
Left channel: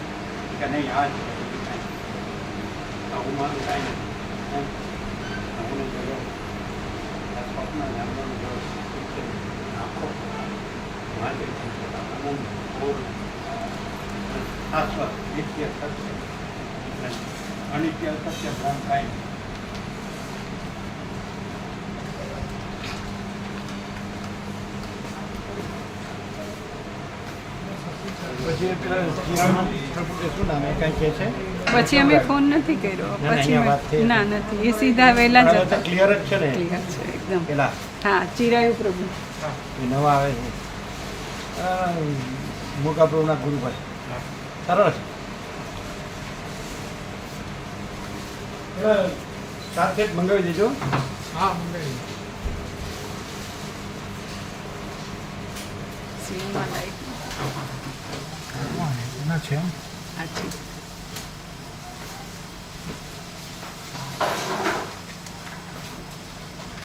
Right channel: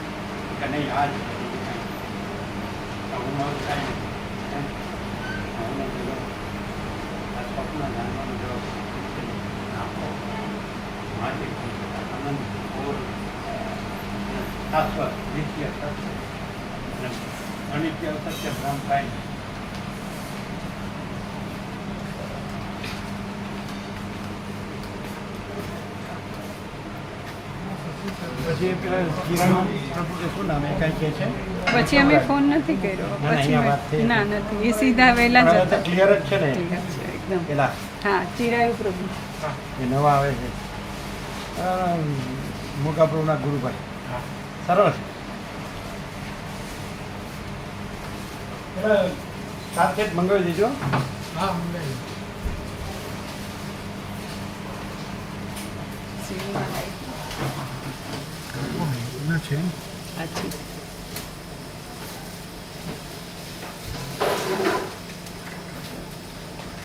કે નહીં આ જ બીજું કાંઈ આવું મારું કાંઈ નથી. એમ આવું નથી, આ સ્વપ્ન જાણવાનું જો આખો મારી આનંદ ઓર શાશ્વત નિત્ય સત્ય અનિત્ય સત્ય બ્રહ્મ કાંઈ પછી પેલા કિરાનું પ્રભુ શું નામ એ કાંઈ કહે છે? પછી અમે ફોન નથી કર્યો. ના, અહીંયા વાત પછી થઈ. ના નથી, એ સીધા વહેલા જ હતા. ક્લિયર જ છે ને ઠીક જ છે એકદમ. પેલા હા, ચિરાયુ પ્રભુ. એ નવા આવે છે મોકા પ્રભુના ગુરુભાઈ સરળ છે. સાથે જ મંગાવી દેજો. હા મંગાવી. સીમમાં લાઈટ. છે આછી